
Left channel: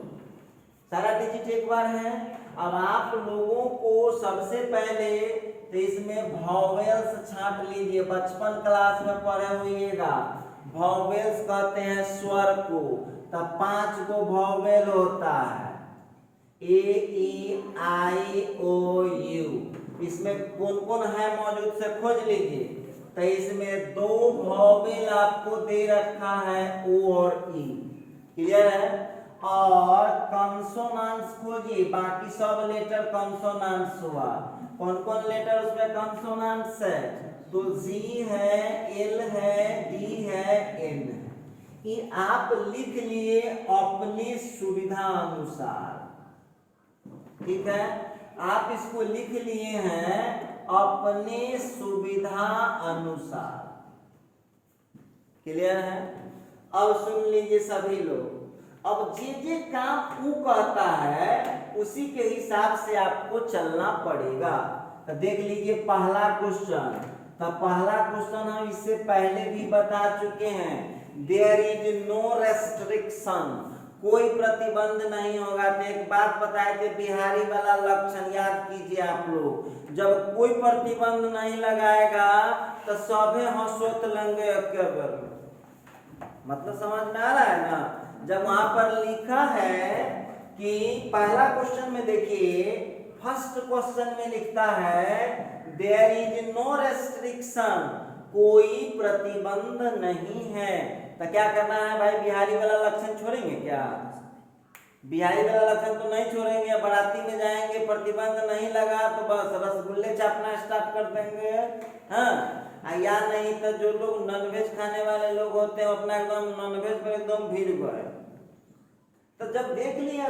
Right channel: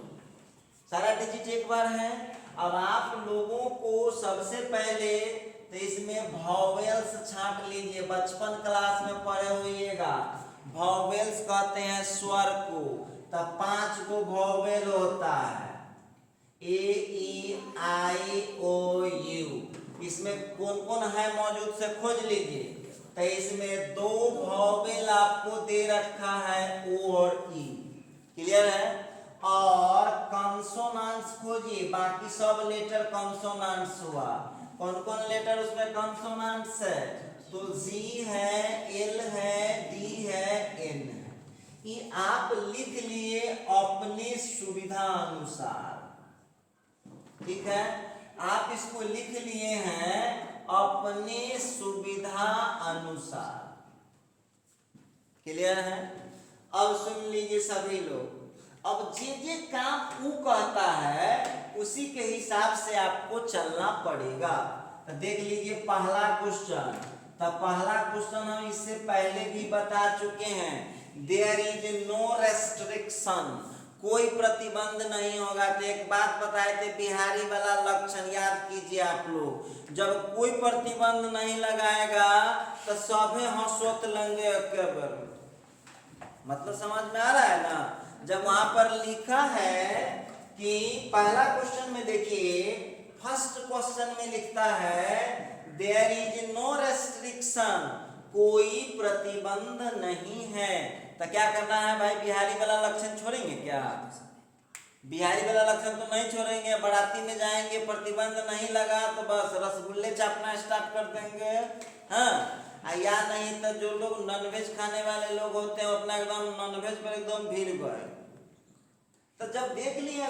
सारा डिजिट एक बार है। अब आप लोगों को सबसे पहले तो इसमें वॉवेल्स छांट लीजिए, बचपन क्लास में पढ़े होइएगा। वॉवेल्स कहते हैं स्वर को, तब 5 गो वॉवेल होता है, ए ई आई ओ यू। इसमें कौन कौन है मौजूद से खोज लीजिए। तो इसमें 2 वॉवेल आपको दे रखा है, ओ और ई, क्लियर है। और कंसोनेंट्स खोजिए, बाकी सब लेटर कंसोनेंट्स हुआ। कौन कौन लेटर उसमें कंसोनेंट्स है, तो जी है, एल है, डी है, एन है। ये आप लिख लिए अपनी सुविधा अनुसार, ठीक है, आप इसको लिख लिए हैं अपने सुविधा अनुसार, क्लियर है। अब सुन लीजिए सभी लोग, अब जे काम वो कहता है उसी के हिसाब से आपको चलना पड़ेगा। तो देख लीजिए पहला क्वेश्चन, तो पहला क्वेश्चन हम इससे पहले भी बता चुके हैं, देयर इज नो रेस्ट्रिक्शन, कोई प्रतिबंध नहीं होगा। तो एक बात बताए थे, बिहारी वाला लक्षण याद कीजिए आप लोग, जब कोई प्रतिबंध नहीं लगाएगा तो सभे हंसोत लंगे अकेबर, मतलब समझ में आ रहा है ना। जब वहां पर लिखा है कि पहला क्वेश्चन में देखिए, फर्स्ट क्वेश्चन में लिखता है देयर इज नो रेस्ट्रिक्शन, कोई प्रतिबंध नहीं है। तो क्या करना है भाई, बिहारी वाला लक्षण छोड़ेंगे क्या? बिहारी वाला लक्षण तो नहीं छोड़ेंगे, बाराती में जाएंगे, प्रतिबंध नहीं लगा तो बस रसगुल्ले चापना स्टार्ट कर देंगे, हाँ। या नहीं तो जो लोग नॉनवेज खाने वाले लोग होते हैं अपना एकदम नॉनवेज पर एकदम भीड़ गए। तो जब देख लिया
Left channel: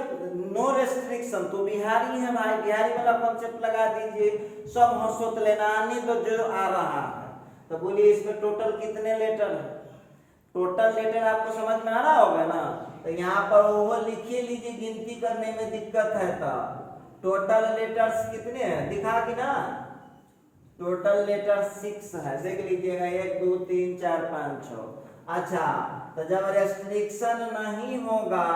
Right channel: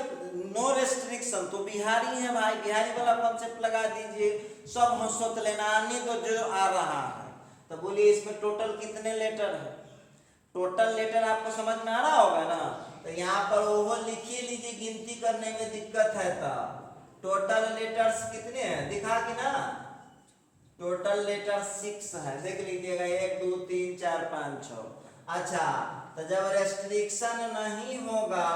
नो रेस्ट्रिक्शन, तो बिहारी है भाई, बिहारी वाला कॉन्सेप्ट लगा दीजिए, सब हंसोत लेना आने तो जो आ रहा है। तो बोलिए इसमें टोटल कितने लेटर है, टोटल लेटर आपको समझ में आ रहा होगा ना। तो यहाँ पर वो लिखिए लीजिए, गिनती करने में दिक्कत है तो टोटल लेटर्स कितने हैं दिखा कि ना, टोटल लेटर 6 है, देख लीजिएगा 1 2 3 4 5 6। अच्छा, तो जब रेस्ट्रिक्शन नहीं होगा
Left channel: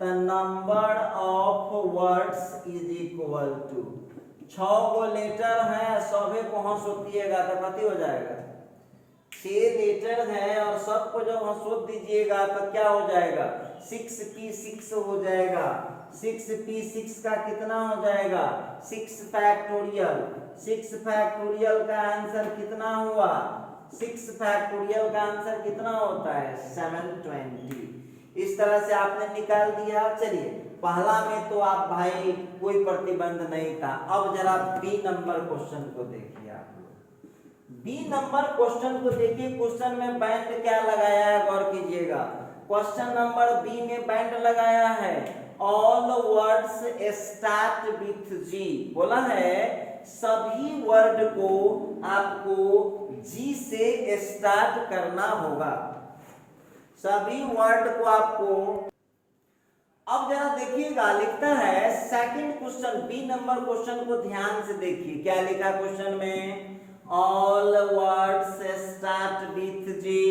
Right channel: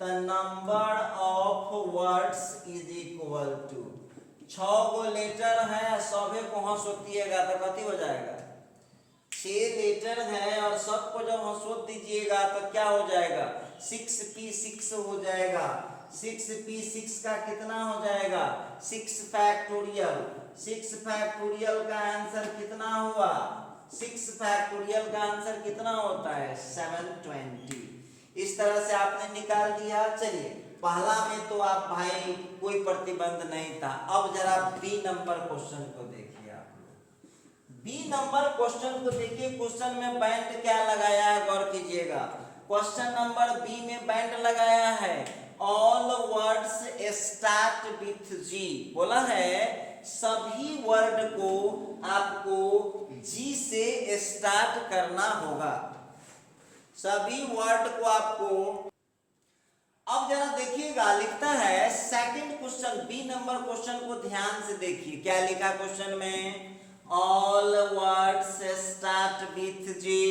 तो number of words is equal to 6 go letter है, सभी को हंसोतिएगा तो कति हो जाएगा, 6 लेटर है और सबको जब हंसोत दीजिएगा तो क्या हो जाएगा, 6p6 हो जाएगा। 6p6 का कितना हो जाएगा, 6 फैक्टोरियल। 6 फैक्टोरियल का आंसर कितना हुआ, 6 फैक्टोरियल का आंसर कितना होता है 720। इस तरह से आपने निकाल दिया। चलिए पहला में तो आप भाई कोई प्रतिबंध नहीं था। अब जरा बी नंबर क्वेश्चन को देखिए आप लोग, बी नंबर क्वेश्चन को देखिए। क्वेश्चन में बैंड क्या लगाया है, गौर कीजिएगा। क्वेश्चन नंबर बी में बैंड लगाया है ऑल वर्ड्स स्टार्ट विथ जी, बोला है सभी वर्ड को आपको जी से स्टार्ट करना होगा, सभी वर्ड को आपको। अब जरा देखिएगा, लिखता है second question, B number question को ध्यान से देखिए, क्या लिखा क्वेश्चन में, all words start with G,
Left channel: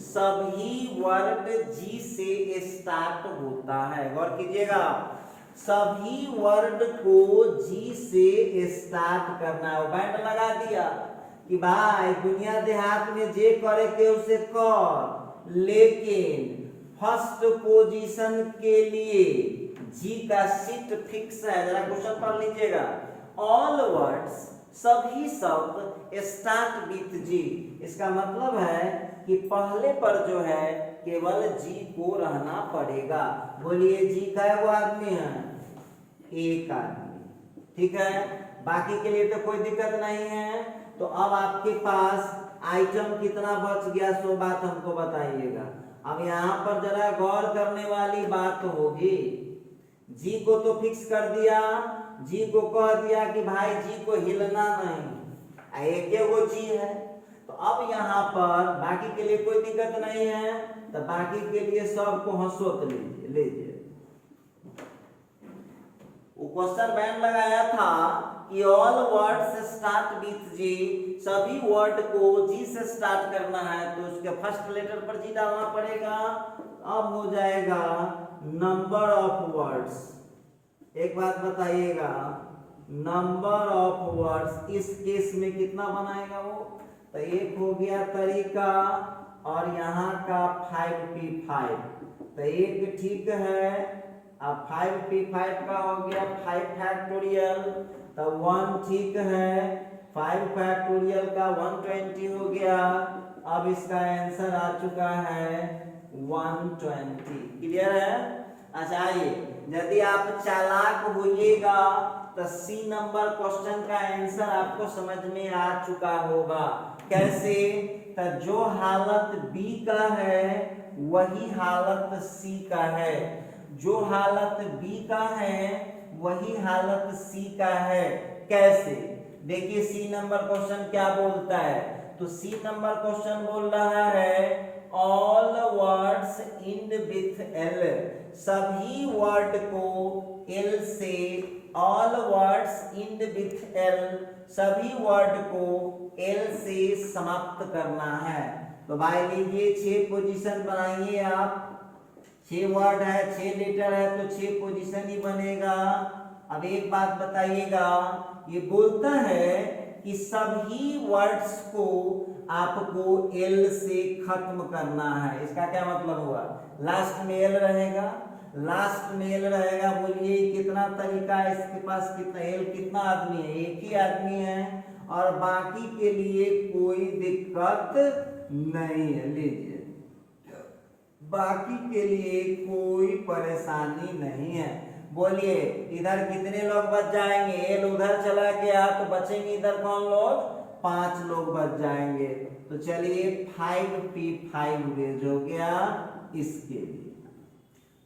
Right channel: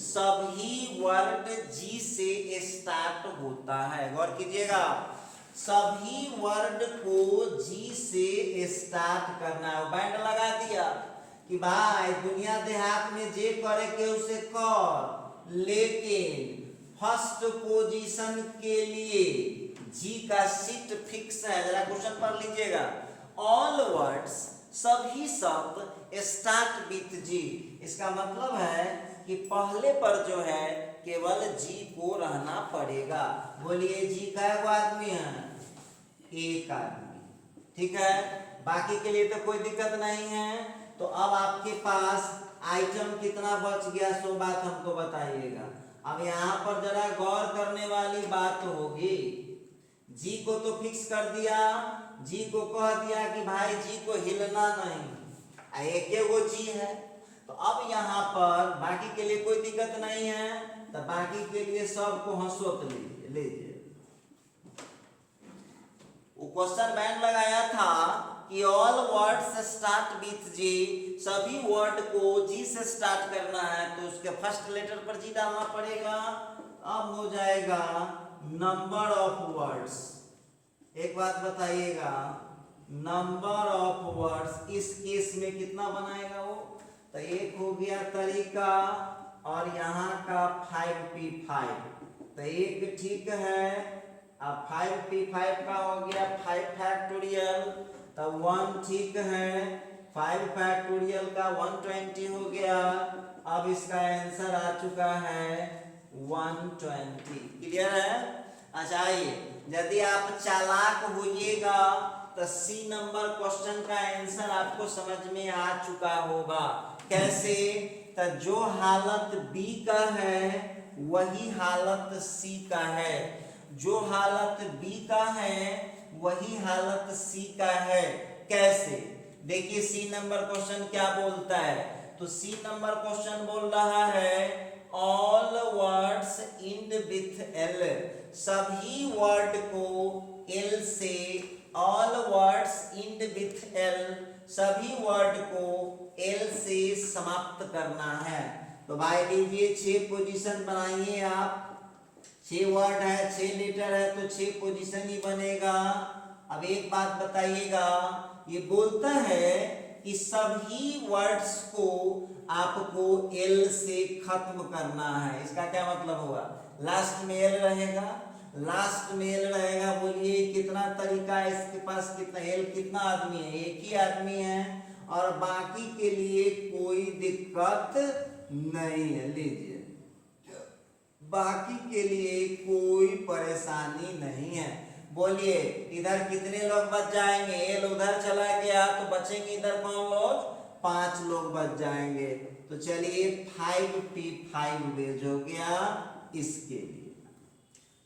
सभी वर्ड जी से स्टार्ट होता है। गौर कीजिएगा, सभी वर्ड को जी से स्टार्ट करना है। बैंड लगा दिया कि भाई दुनिया देहात में जे करे के उसे कर, लेकिन फर्स्ट पोजीशन के लिए जी का सीट फिक्स है। जरा क्वेश्चन पढ़ लीजिएगा, ऑल वर्ड्स, सभी शब्द स्टार्ट विथ जी, इसका मतलब है कि पहले पर जो है केवल जी को रहना पड़ेगा। बोलिए जी का आदमी है, एक आदमी, ठीक है, बाकी के लिए तो कोई दिक्कत नहीं है। तो अब आपके पास आइटम कितना बच गया सो बात हमको बताइएगा। अब यहाँ पर जरा गौर करने वाली बात होगी, जी को तो फिक्स कर दिया, जी को कह दिया कि भाई जी को हिलना नहीं, एक वो जी है। तो अब यहाँ पर बाकी के लिए कोई दिक्कत नहीं है, तो बाकी के लिए सबको हंसोत लीजिए। वो क्वेश्चन बैंड लगाया था कि all words start with G, सभी वर्ड को जी से स्टार्ट करना है, तो उसके फर्स्ट लेटर पर जी डालना पड़ेगा। अब हो जाएगा नंबर ऑफ वर्ड्स। एक बात बताइएगा, नंबर ऑफ वर्ड्स इस केस में कितना बनाएगा वो, तो एक हो गया तरीका और यहाँ का 5p5, तो एक ठीक है। अब 5p5 का हो गया 5 फैक्टोरियल, तो 1 ठीक है। 5 फैक्टोरियल का 120 हो गया। अब इसका आंसर आ चुका है 120। क्लियर है? अच्छा, आइए, यदि आप चालाक होइएगा तो सी नंबर क्वेश्चन का आंसर आपको समझ में आ चुका होगा। कैसे? तो जो हालत बी का है वही हालत सी का है, जो हालत बी का है वही हालत सी का है। कैसे? देखिए सी नंबर क्वेश्चन क्या बोलता है, तो सी नंबर क्वेश्चन बोल रहा है all words and with L, सभी वर्ड को एल से, all words and with L, सभी वर्ड को एल से समाप्त करना है। तो भाई लीजिए 6 पोजीशन बनाइए आप, 6 वर्ड है, 6 लेटर है, तो 6 पोजीशन ही बनेगा। अब एक बात बताइएगा, ये बोलता है कि सभी वर्ड्स को आपको एल से खत्म करना है। इसका क्या मतलब हुआ? लास्ट में एल रहेगा, लास्ट में एल रहेगा। बोलिए कितना तरीका है इसके पास, कितना एल, कितना आदमी है? एक ही आदमी है और बाकी के लिए कोई दिक्कत नहीं है। लीजिए, बाकी के लिए कोई परेशानी नहीं है। बोलिए इधर कितने लोग बच जाएंगे? एल उधर चला गया तो बचेंगे इधर कौन लोग? 5 लोग बच जाएंगे। तो चलिए 5p5 बेज हो गया इसके लिए।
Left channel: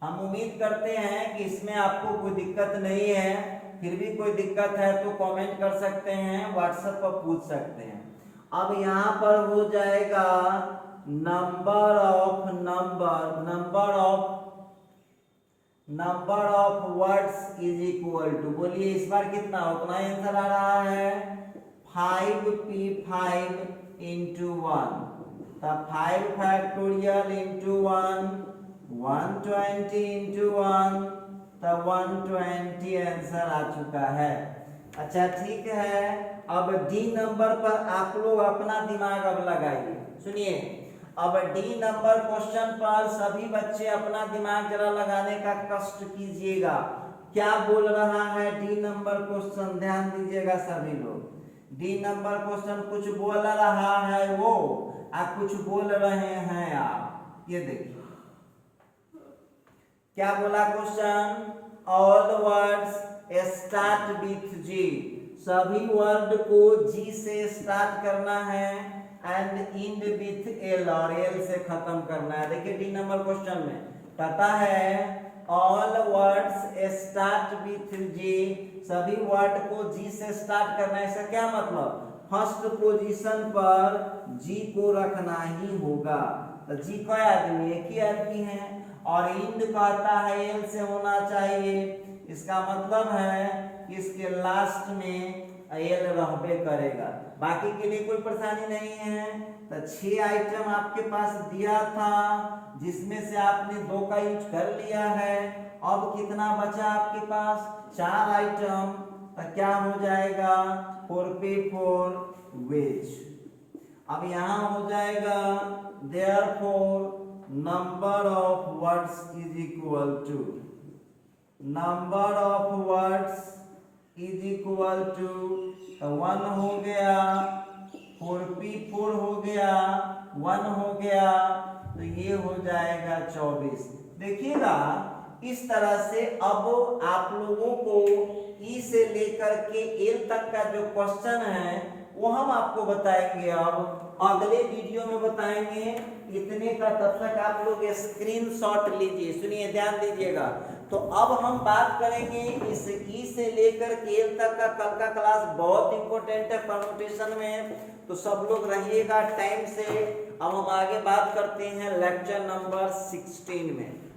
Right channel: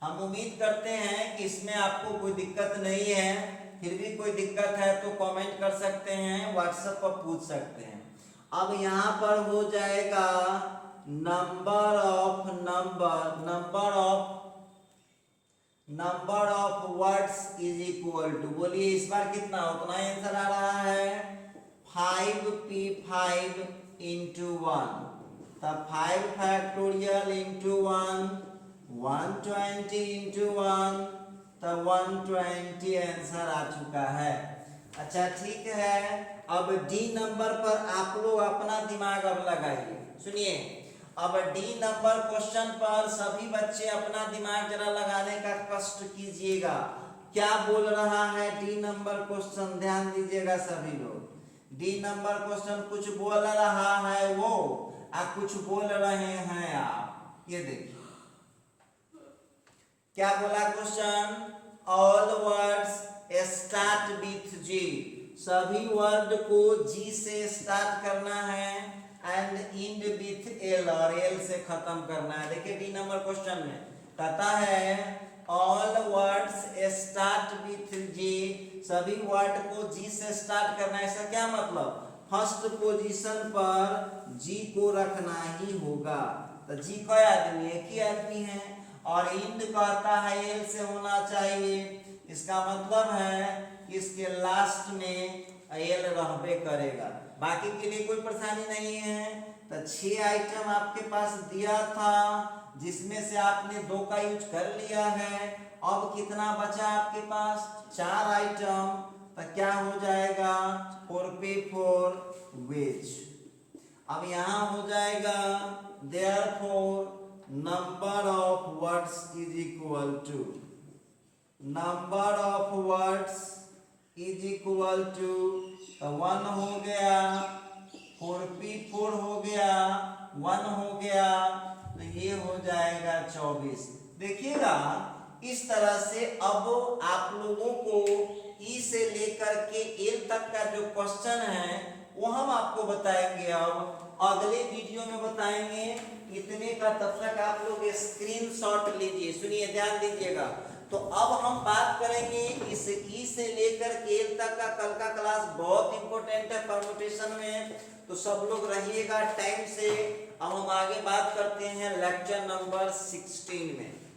हम उम्मीद करते हैं कि इसमें आपको कोई दिक्कत नहीं है। फिर भी कोई दिक्कत है तो कमेंट कर सकते हैं, व्हाट्सएप पर पूछ सकते हैं। अब यहाँ पर हो जाएगा number of words is equal to, बोलिए इस बार कितना, उतना आंसर आ रहा है 5p5 इंटू 1, तब 5 फैक्टोरियल इंटू 1, 120 इंटू 1, तब 120 आंसर आ चुका है। अच्छा ठीक है, अब डी नंबर पर आप लोग अपना दिमाग अब लगाइए। सुनिए, अब डी नंबर क्वेश्चन पर सभी बच्चे अपना दिमाग जरा लगाने का कष्ट कीजिएगा। क्या बोल रहा है डी नंबर क्वेश्चन? ध्यान दीजिएगा सभी लोग। डी नंबर क्वेश्चन कुछ बोल रहा है वो, और कुछ बोल रहे हैं आप। ये देखिए क्या बोला question, all words start with G, सभी वर्ड को जी से स्टार्ट करना है एंड एंड विथ एल, और एल से खत्म करना है। देखिए डी नंबर क्वेश्चन में कहता है all words start with J, सभी वर्ड को जी से स्टार्ट करना है। इसका क्या मतलब, फर्स्ट पोजीशन पर जी को रखना ही होगा। तो जी का आदमी एक ही आदमी है, और इंड कहता है एल से होना चाहिए। इसका मतलब है कि इसके लास्ट में एल रहबे करेगा, बाकी के लिए कोई परेशानी नहीं है। तो 6 आइटम आपके पास दिया था, जिसमें से आपने 2 का यूज कर लिया है। अब कितना बचा आपके पास, 4 आइटम। तो क्या हो जाएगा, 4p4 वेज। अब यहाँ हो जाएगा therefore number of words is equal to, number of words is equal to 1 हो गया, 4p4 हो गया, 1 हो गया, तो ये हो जाएगा 24। देखिएगा इस तरह से अब आप लोगों को ई से लेकर के एल तक का जो क्वेश्चन है वो हम आपको बताएंगे, अब अगले वीडियो में बताएंगे। इतने का तब तक आप लोग स्क्रीनशॉट लीजिए, सुनिए ध्यान दीजिएगा। तो अब हम बात करेंगे इस ई से लेकर के एल तक का। कल का क्लास बहुत इंपॉर्टेंट है परम्यूटेशन में, तो सब लोग रहिएगा टाइम से। अब हम आगे बात करते हैं लेक्चर नंबर 16 में।